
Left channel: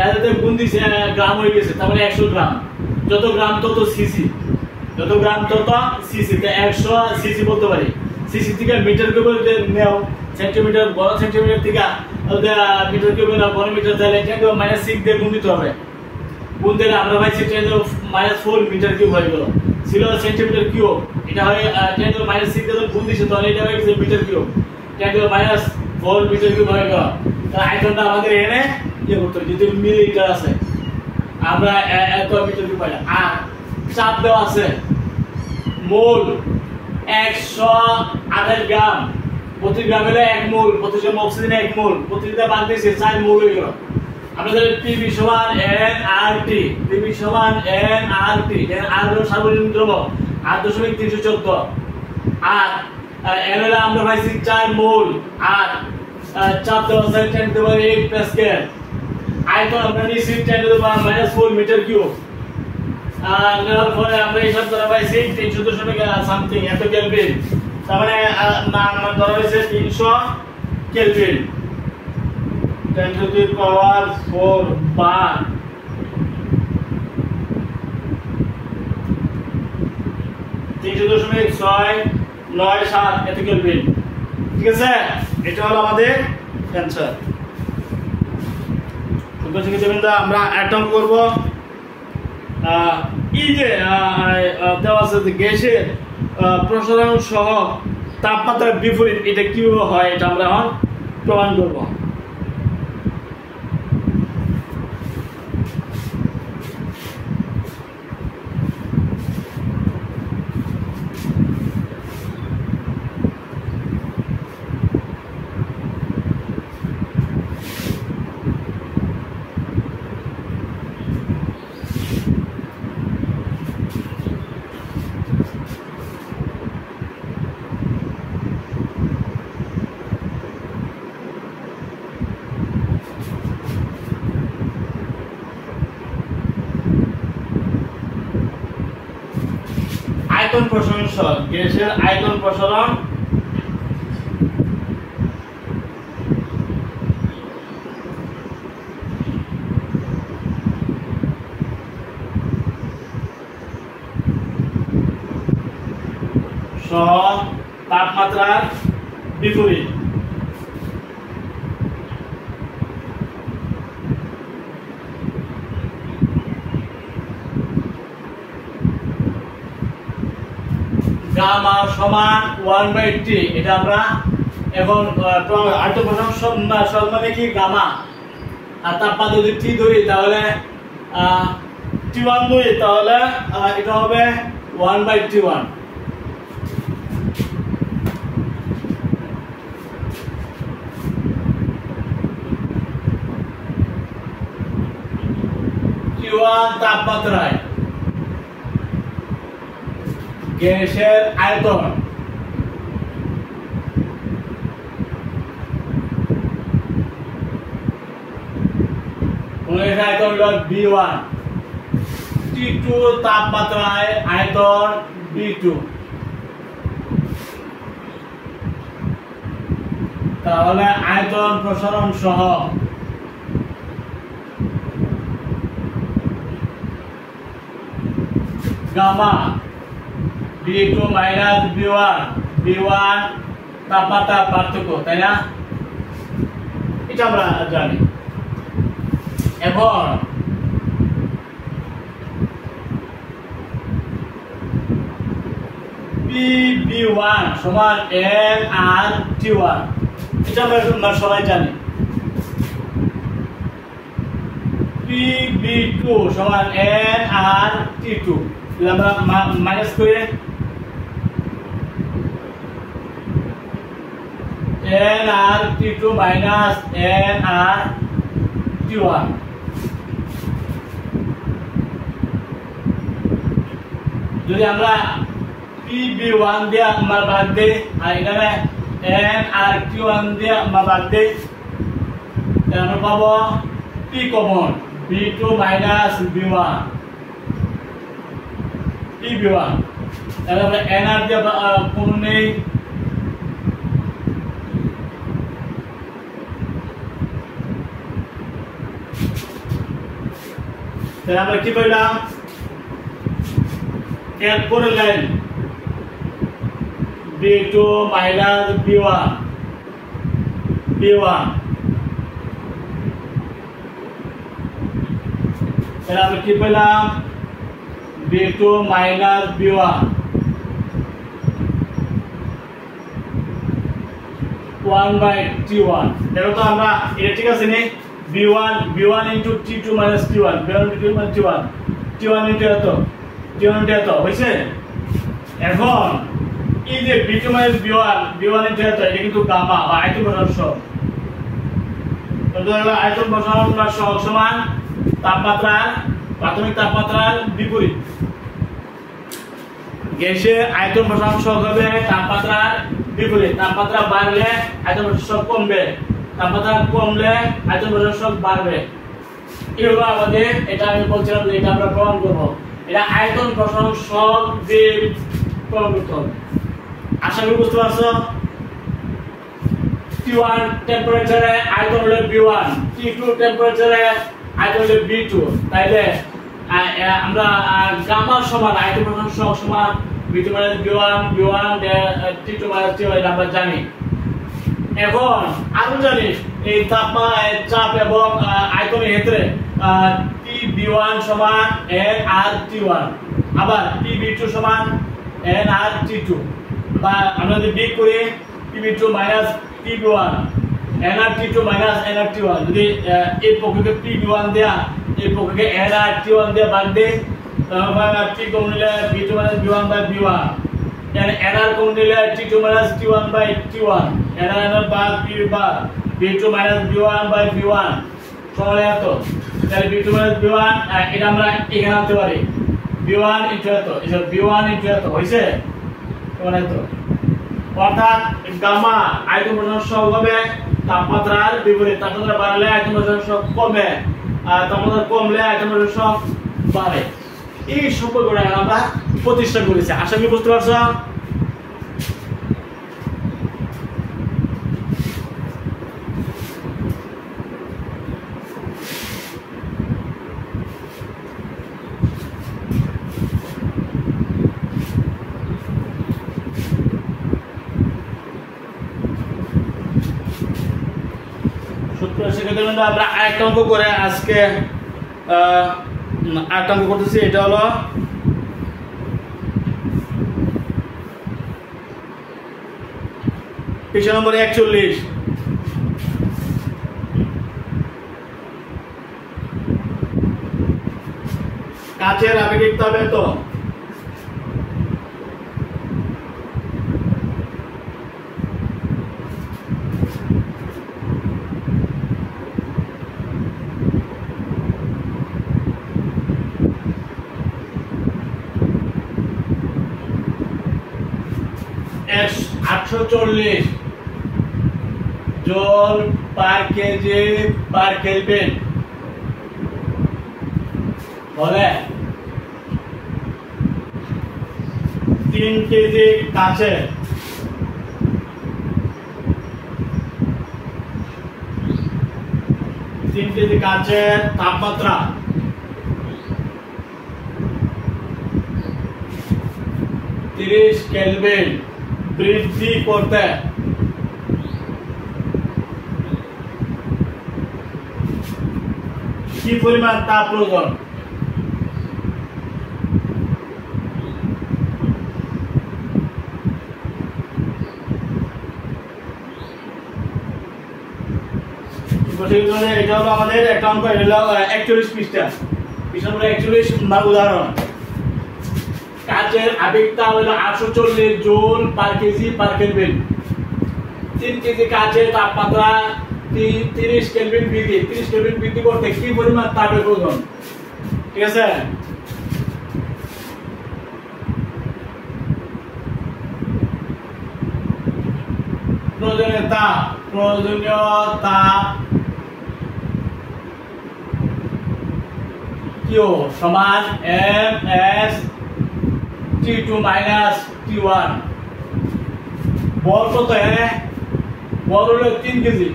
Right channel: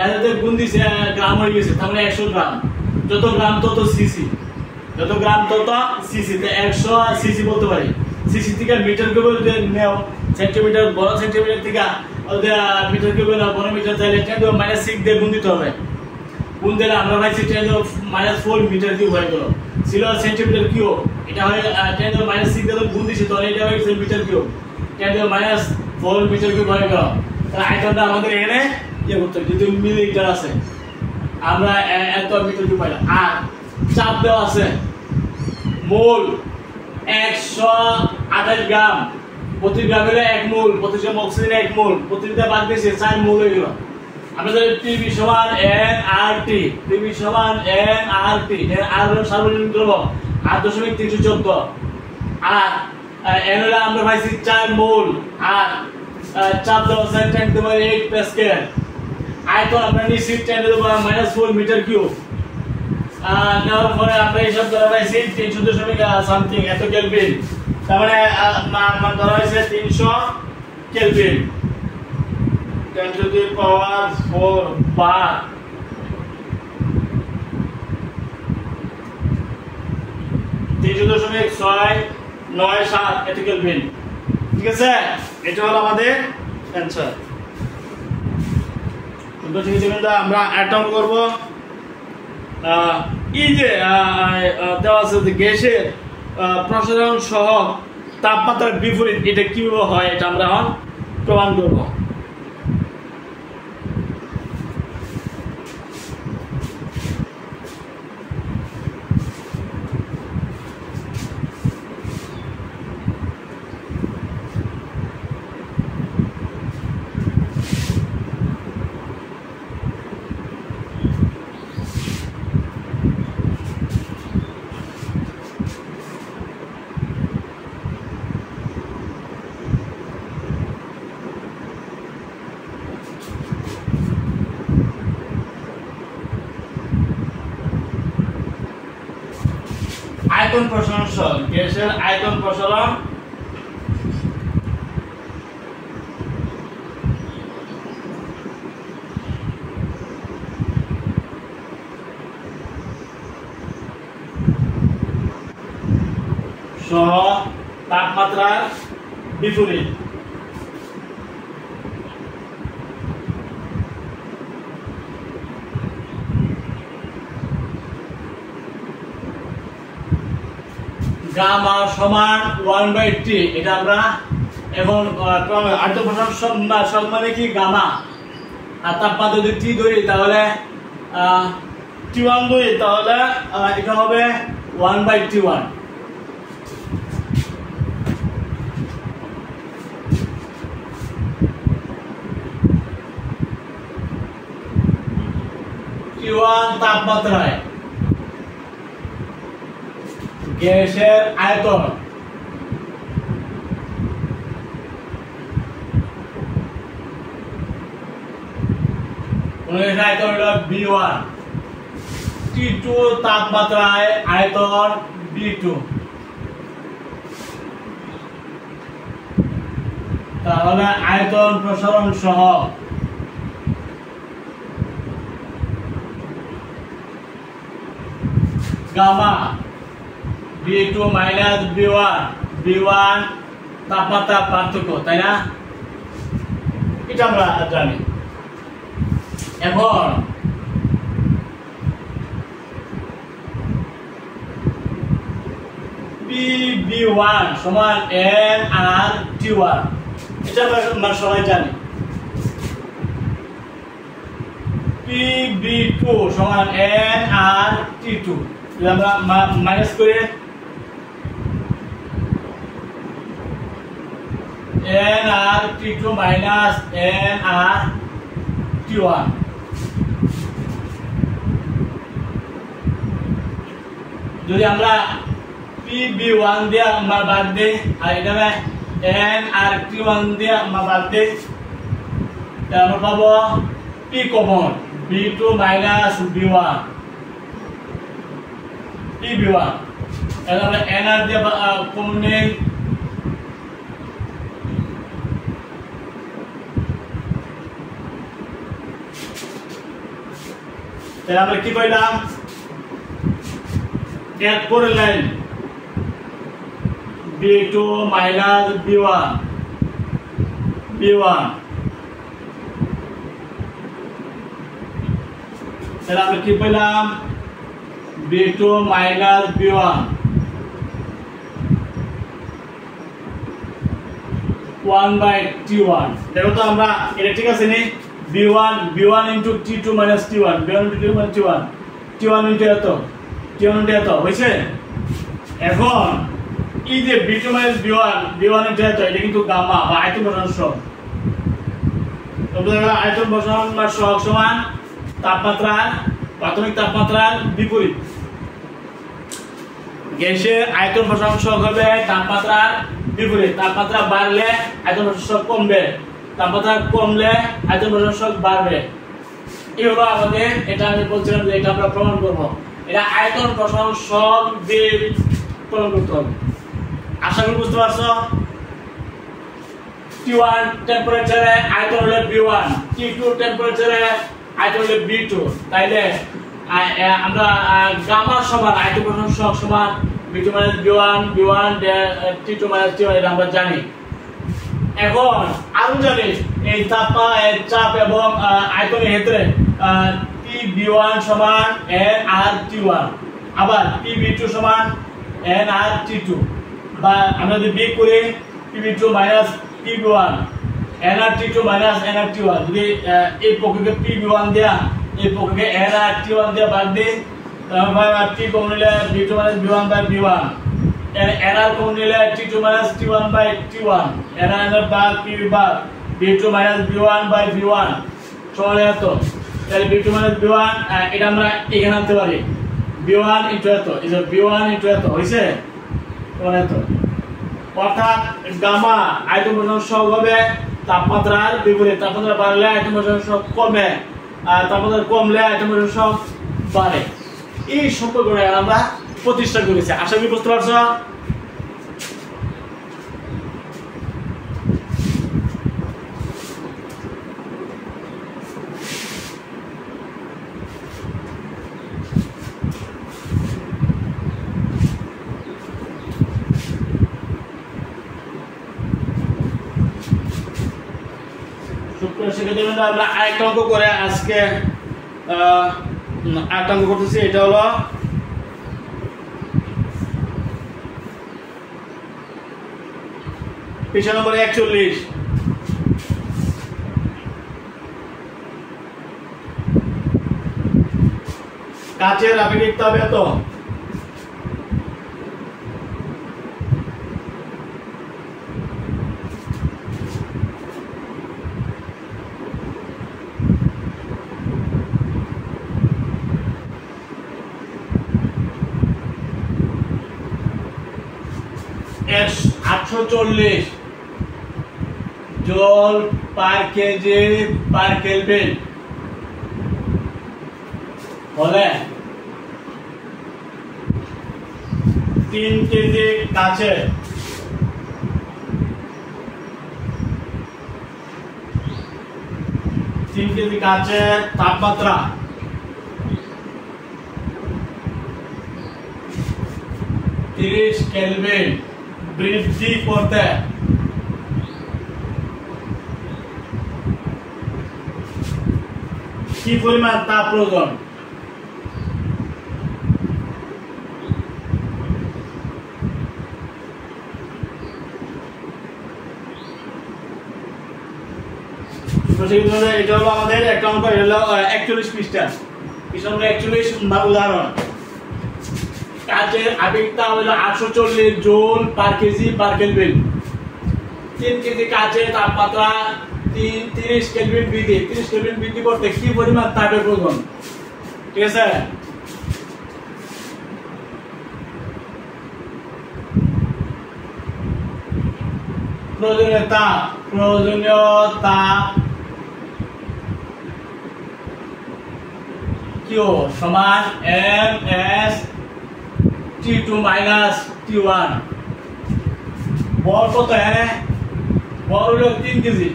1000 দিয়ে গুণ দিছে গ্রাম হয়ে গেছে, তার মানে 100 গ্রাম, যত গ্রাম তত সিসি, যত গ্রাম তত সিসি, তে 100 সিসি বলতে পারি। সিসি থেকে মিটার কিউব নেও, সেন্টিমিটার বড় সেন্টিমিটার থেকে মিটার কিউব নাও বড় মিটার, তাহলে 10⁻6 দিয়ে গুণ দিতে হবে। গুণ দিলে আমরা পাইছি 10⁻4 মিটার কিউব হয়ে গেল, ছিল সেন্টিমিটার কিউব, এটা হয় 10⁻6 দিয়ে গুণ দিছে, তাহলে এটা হয়ে গেছে মিটার কিউব, 10⁻4 মিটার কিউব হয়ে গেল। তাহলে আয়তনটা আমাদের এখানে কি করতে হবে, যদি মিলিলিটার আছে আমরা এত মিটার কিউব পাইলাম। আর চাপ দেওয়া আছে মোল 128 গ্রাম, প্রতি গ্রাম হলে 1 মোল, প্রতি গ্রাম অক্সিজেন 1 মোল, প্রতিটা বাদ দিয়েছে 4 মোল হয়ে গেল। আমরা জানি পিভি সমান এনআরটি, পিভি সমান এনআরটি, আর হলো সার্বজনীন দ্রবক 8.314, আর এন হলো আমরা পাইছি 4 মোল, আর চাপ দেওয়া আছে 10⁸ প্যাসকেল, আয়তন আমরা নিচ্ছি 10⁻⁻4 মিটার কিউব, নেওয়ার পরে আমরা হিসাব করে পাইছি 300 সামথিং এত কেলভিন, তার মানে ধরা হয়েছে 300 কেলভিন, 10⁴ বার 300.697 এত কেলভিন। ঠিক আছে, এটা হলো আমাদের অ্যানসার। আমরা অ্যাটম করব, এই যে দেওয়া আছে যে গ্যাসের প্রসারণ সহ তাপমাত্রার বিপরীত, এটা কিভাবে হয় এটা আমরা এখন প্রমাণ করব। আয়তন প্রসারণ সহ গ্যাসের আয়তন প্রসারণ সহ তাপমাত্রার বিপরীত। গামা সমান 1/T, এটা আমরা এখন আয়তন প্রসারণ সব মানে কি গামা, আর তাপমাত্রা যদি T ধরি তাহলে T1 ধরি তাহলে এটা হবে 1/T1। T1 তাপমাত্রায় গ্যাসের আয়তন আয়তন হলো B1, T2 তাপমাত্রায় আয়তন B2, তাহলে আয়তন প্রসারণ সহ গামা B2 মাইনাস B1 তাপমাত্রার পার্থক্য, তাই না? এটা আমরা জানি। এখন PB1 সমান nRT1, এটা আমরা সবাই জানি। PB2 সমান nRT2, আমরা মাইনাস করে nRT2 মাইনাস nRT1। যদি আমরা PB1 দিয়ে আমরা বাদ দেই আর এখানে nRT1 দিয়ে আমরা বাদ দেই, তাহলে আমরা পাবো P common B2 minus B1 PB1। তাহলে আমরা nR দিয়ে কমন নেই, তাহলে আমরা কি পাইলাম? এক পরের লাইন B2 মাইনাস B1 তাহলে আমরা কি পেলাম? B2 minus B1 1/T1। দেখো তো আমরা এটা ঠিক আছে নি? B1 into T2 minus T1, B1 into T2 minus T1, T1 into এত হয়েছে। এখন এই যে B2 minus B1 into এত, এটা কিন্তু গামা বা আয়তন বসানোর সহগ। আয়তন বসানোর সহগ সমান তাপমাত্রার প্রাথমিক তাপমাত্রার বিপরীত। গ্যাসের আয়তন বসানোর সহগ হবে তাপমাত্রার বিপরীত। তাপমাত্রা বাড়লে আয়তন বসানোর সহগ কমবে, তাপমাত্রা কমলে আয়তন বসানোর সহগ বাড়বে। এই হলো আমাদের, এটা আমি বলছিলাম যে এটা আমরা প্রমাণ করব। এটা আয়তন বসানোর সহগ দিয়ে প্রমাণ করতে হবে। আশা করি বুঝতে পারছো। T1 টেম্পারেচারে আয়তন হলো B1, T2 টেম্পারেচারে আয়তন হলো B2। তাইলে আমরা গামা সমান আয়তন বসানোর সহগ সমান B2 minus B1 T2 minus T1, এটা আমরা জানি। এখন আরো জানিস এই চাপ এবং আয়তনের ক্ষেত্রে PB1 সমান nRT1, আবার PB2 সমান nRT2, বা আমরা যদি বিয়োগ করি PB2 minus PB1 nRT2 minus nRT1, যদি এই পক্ষকে PB1 দেয়া এই পক্ষকে nRT1 দিয়ে বাদ দিই, তাহলে P কমন নিলে B2 minus B1 by B1, nR common নিলে T2 minus T1 by T1, nR বাদ P বাদ B2 minus B1 by B1 সমান এত। তাহলে B2 মাইনাস B1 এটা আমরা এখানে আনতে পারি, B1 ইনটু এত, এই যে B1 ইনটু এত হইছে সমান এত। অর্থাৎ গামা আয়তন বসানোর সহগ হবে তাপমাত্রার বিপরীত। তাপমাত্রা বাড়লে আয়তন বসানোর সহগ কমে, আর তাপমাত্রা কমলে আয়তন বসানোর সহগ বাড়ে। এই সম্পর্কটা আমরা প্রতিষ্ঠা করেছি। আশা করি বুঝতে পারছো। সেক্ষেত্রে আমরা আরেকটা অঙ্ক করে আজকে আরেকটা অঙ্ক করতেছি। এটা হলো পৃষ্ঠা নম্বর 41। কাচের আপেক্ষিক তাপ এত, $840 জল পার কেজি পার কেলভিন হলে 3 কেজি কাচে 3 কেজি কাচের তাপমাত্রা 30 কেলভিন বৃদ্ধি করতে কি পরিমাণ তাপ প্রয়োজন? এটা হলো আমাদের একটা অঙ্ক, এটা হলো 41 পৃষ্ঠা হলো 41 উদাহরণ। কাচের আবেগ তাপ হলো 840 joule per kg per kelvin. 3 kg কাচের তাপমাত্রা 30 কেলভিন বৃদ্ধি। 30 কেলভিন বৃদ্ধি করতে কি পরিমাণ তাপের প্রয়োজন? ঠিক আছে, প্রয়োজনীয় তাপ Q সমান ms T2 minus T1। বল কত? বল হলো 3 কেজি,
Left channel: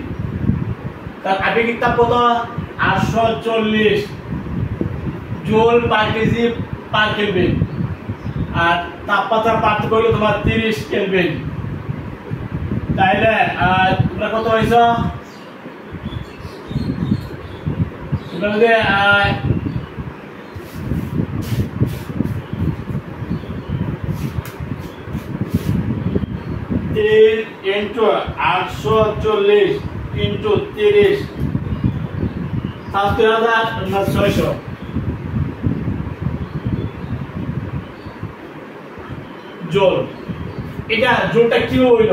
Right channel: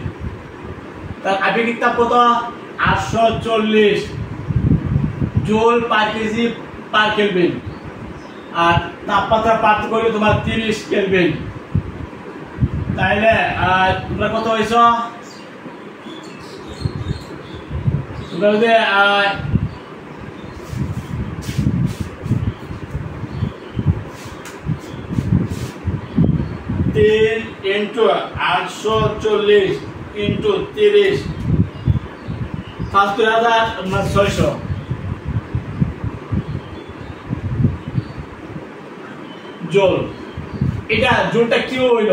তার আবেগিক তাপ কত? 840 joule per kg per kelvin. আর তাপমাত্রা পার্থক্য হলো তোমার 30 কেলভিন। তাইলে তোমরা কত হইছ? তোমরা যদি 3 into 840 into 30 7600 জুল। এটা জুলটা কি হইল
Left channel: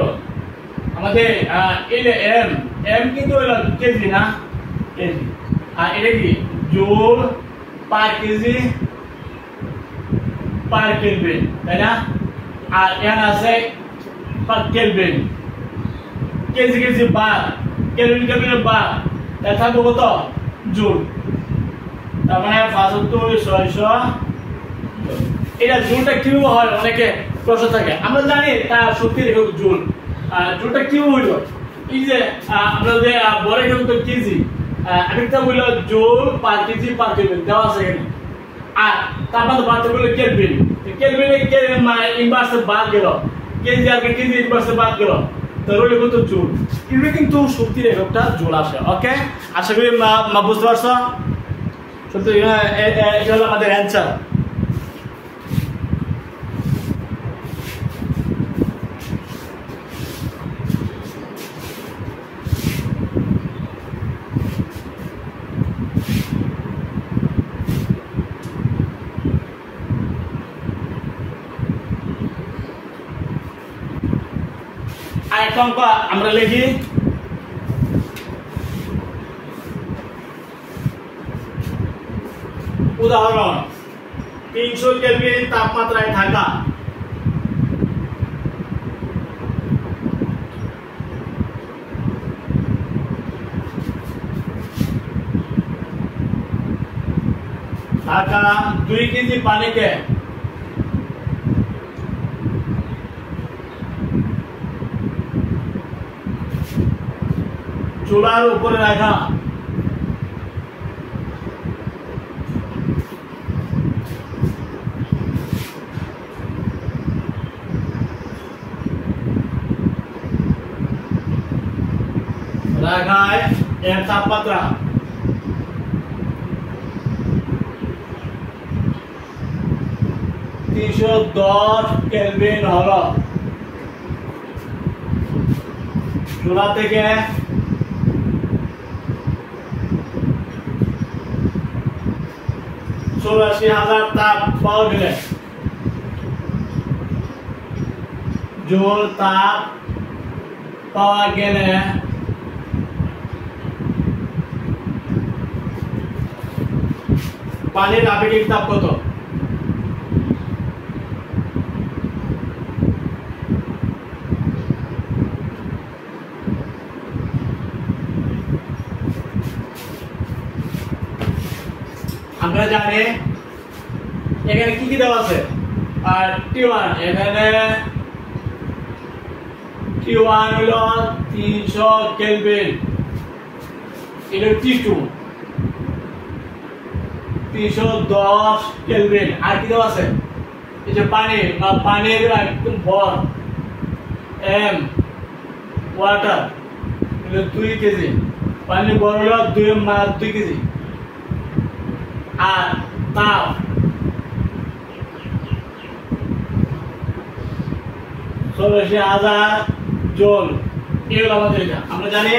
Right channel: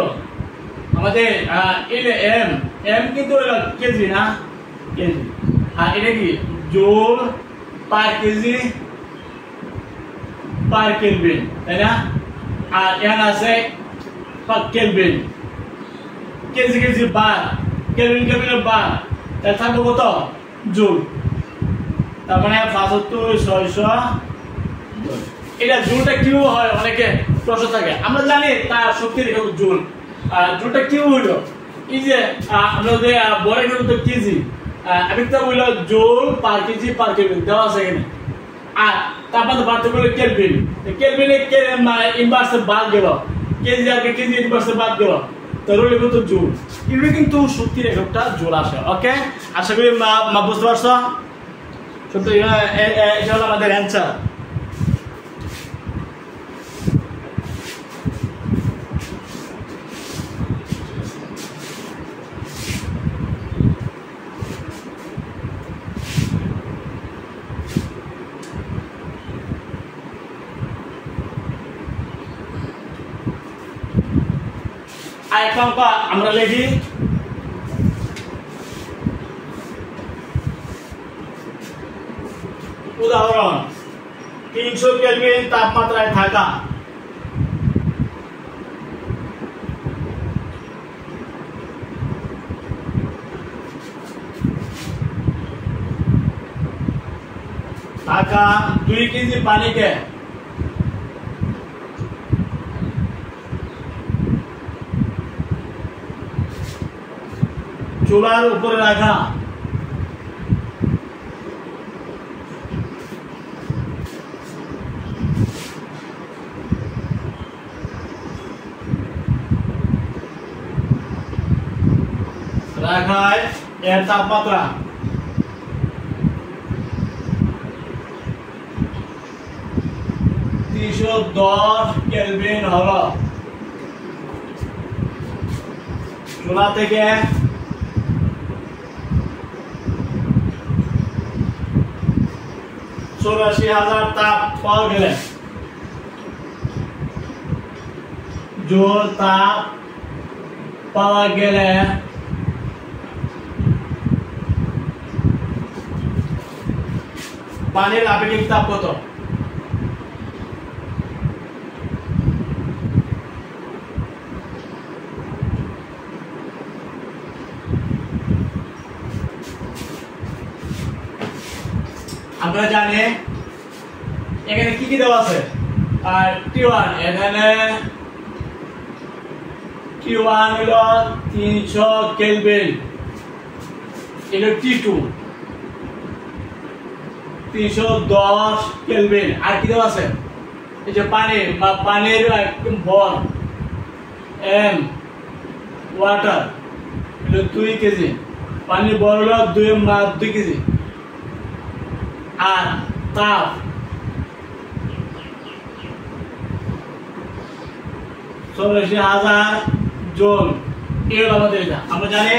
আমাদের? এম কিন্তু হইল কেজি না, কেজি। আর এটা কি? Joule per kg per kelvin, তাই না? আর এন আছে পার কেলভিন, কেজি কেজি বার, কেলভিন কেলভিন বার, তাই থাকবে কত? জুল। তার মানে 75,600। এটা জুলটা কি হয় অনেকে প্রশ্ন থাকে, আমরা জানি তার সত্যি জুল। জুলটা কি হইল? এই যে আমরা যে বড় কিন্তু কেজি, আরেকটা হইল joule per kg per kelvin দেওয়া আছে এখানে। আর তাপমাত্রা পার্থক্য হলো কেলভিন। কেলভিনে ইনভার্স বাদ গেল, কেজি আর কেজি ইনভার্স বাদ গেল, তার হলো কিন্তু জুল। এগুলো কিন্তু শক্তির এককটা জুল আসে। ওকে, আশা করি বুঝতে পারছো। সত্যি এটা হলো আমাদের অ্যান্সার। আরেকটা অঙ্ক আমরা লিখি। উদাহরণ 300 কেলভিন তাপমাত্রায় থাকা থাকা 2 কেজি পানিকে চুলার উপরে রাখা রাখায় এর তাপমাত্রা 310 কেলভিন হলো। চুলা থেকে $84,000 তাপ পাওয়া গেলে জুল তাপ পাওয়া গেলে পানির আবেগিক তাপ কত? আমরা জানি এখানে কি কি দেওয়া আছে। আর T1 এখানে T1 হলো 300 কেলভিন, এটা T2 310 কেলভিন। আর কি দেওয়া আছে? এই যে পানি বা পানির একদম ভর এম ওয়াটার হলো 2 কেজি, পানির ভর হলো 2 কেজি। আর তাপ 84,000 জুল। এই হলো আমাদের এটা। আমরা জানি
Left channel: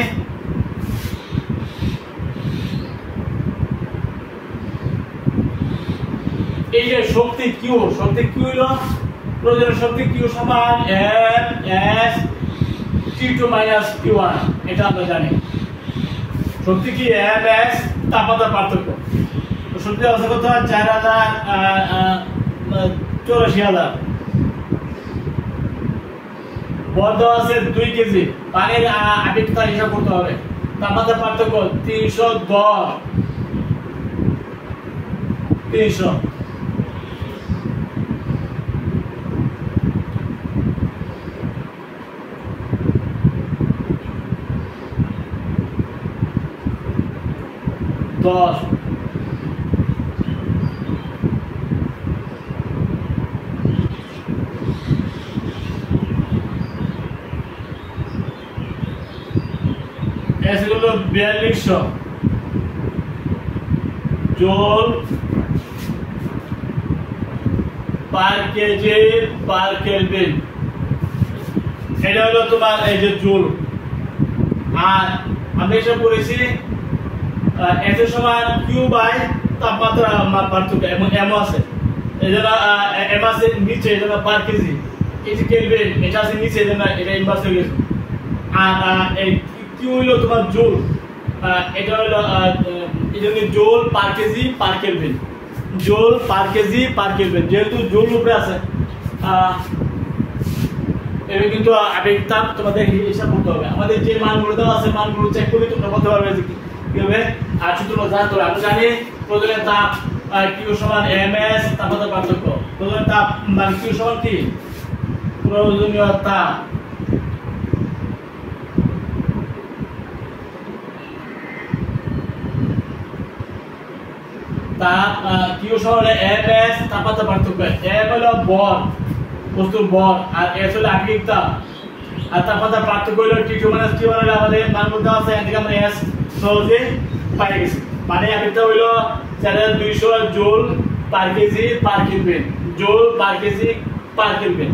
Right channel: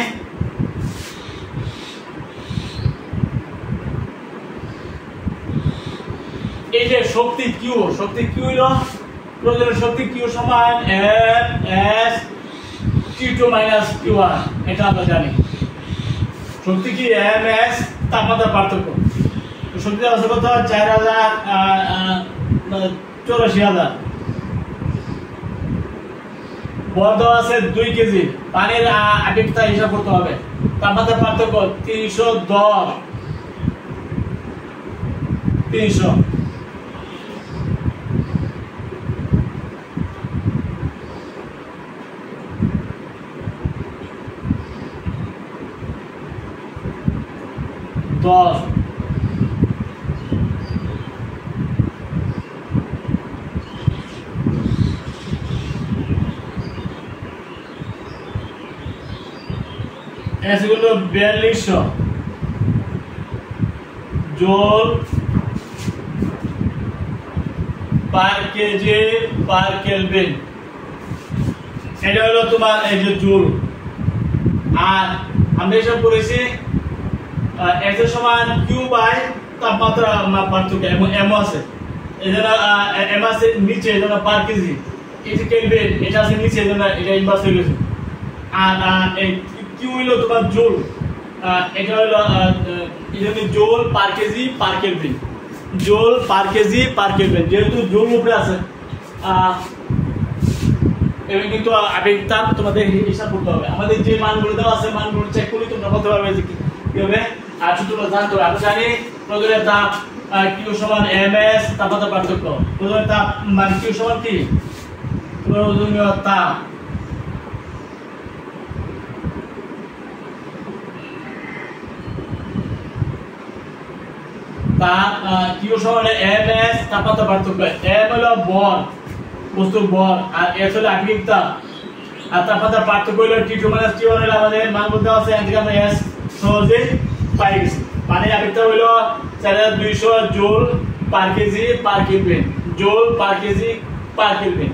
এই যে শক্তি কিউ হলো প্রয়োজনীয় শক্তি কিউ সমান M S T2 minus T1, এটা আমরা জানি। শক্তি কি এম এস তাপমাত্রার পার্থক্য। তো শক্তি আছে কত 84,000। বল দেওয়া আছে 2 কেজি। পানির আপেক্ষিকতা হিসাব করতে হবে। তাপমাত্রার পার্থক্য 310 300। দশ এগুলো 4200 জোল পার কেজি পার কেলভিন। এটা হলো তোমার এই যে জুল। আর আমরা এসব করেছি x এর সমান q বাই তাপমাত্রা পার্থক্য এবং m আছে। এই জন্য m আছে নিচে, এই জন্য পার কেজি। এই যে কেলভিন এটা আছে নিচে, এই জন্য এটা ইনভার্স হয়ে গেছে। আর এই q হলো তোমার জুল। এটা হলো এই জন্য joule per kg per kelvin. Joule per kg per kelvin, যেহেতু জুল উপরে আছে এবং কিন্তু আপেক্ষিক তাপ তোমাদের হিসাব করতে হবে। আমাদের যে মানগুলো দেওয়া আছে মানগুলো চেক করে তোমরা বলতে পারবে যে কি হবে। আর তোমরা জানতে হবে, আমরা জানি প্রয়োজনীয় তাপ কিউ সমান এমএস তাপমাত্রা পার্থক্য। প্রয়োজনীয় তাপ মানে কিউ সমান কি প্রয়োজনীয় তাপ কিউ সমান এমএস তাপমাত্রা পার্থক্য। এম হলো বল, বস্তুর বল, আর এস হলো আপেক্ষিক তাপ। আর তাপমাত্রা পার্থক্য হলো T2 মাইনাস T1 হলো আমাদের মান বলতে আছে। এদিকে আমরা এস সহজে পাই গেছি। মানে আপেক্ষিক তাপ হলো 4200 joule per kg per kelvin. Joule per kg per kelvin.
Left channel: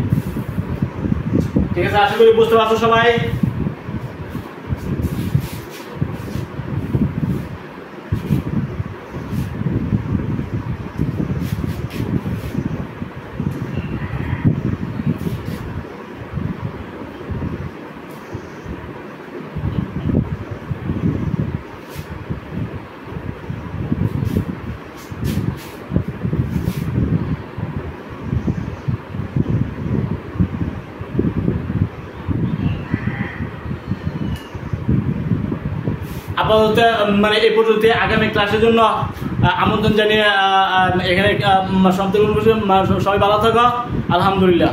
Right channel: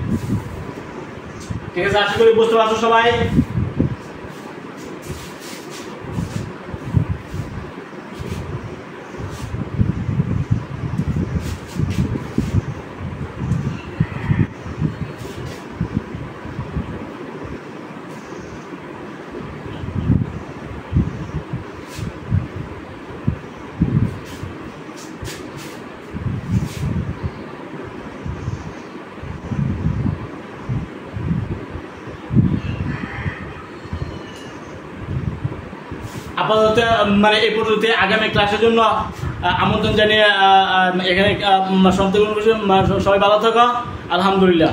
ঠিক আছে, আশা করি বুঝতে পারছো সবাই। আপাতত মানে এই পর্যন্ত আগামী ক্লাসের জন্য আমন্ত্রণ জানিয়ে এখানে সমাপ্তি করছি। সবাই ভালো থাকো, আলহামদুলিল্লাহ।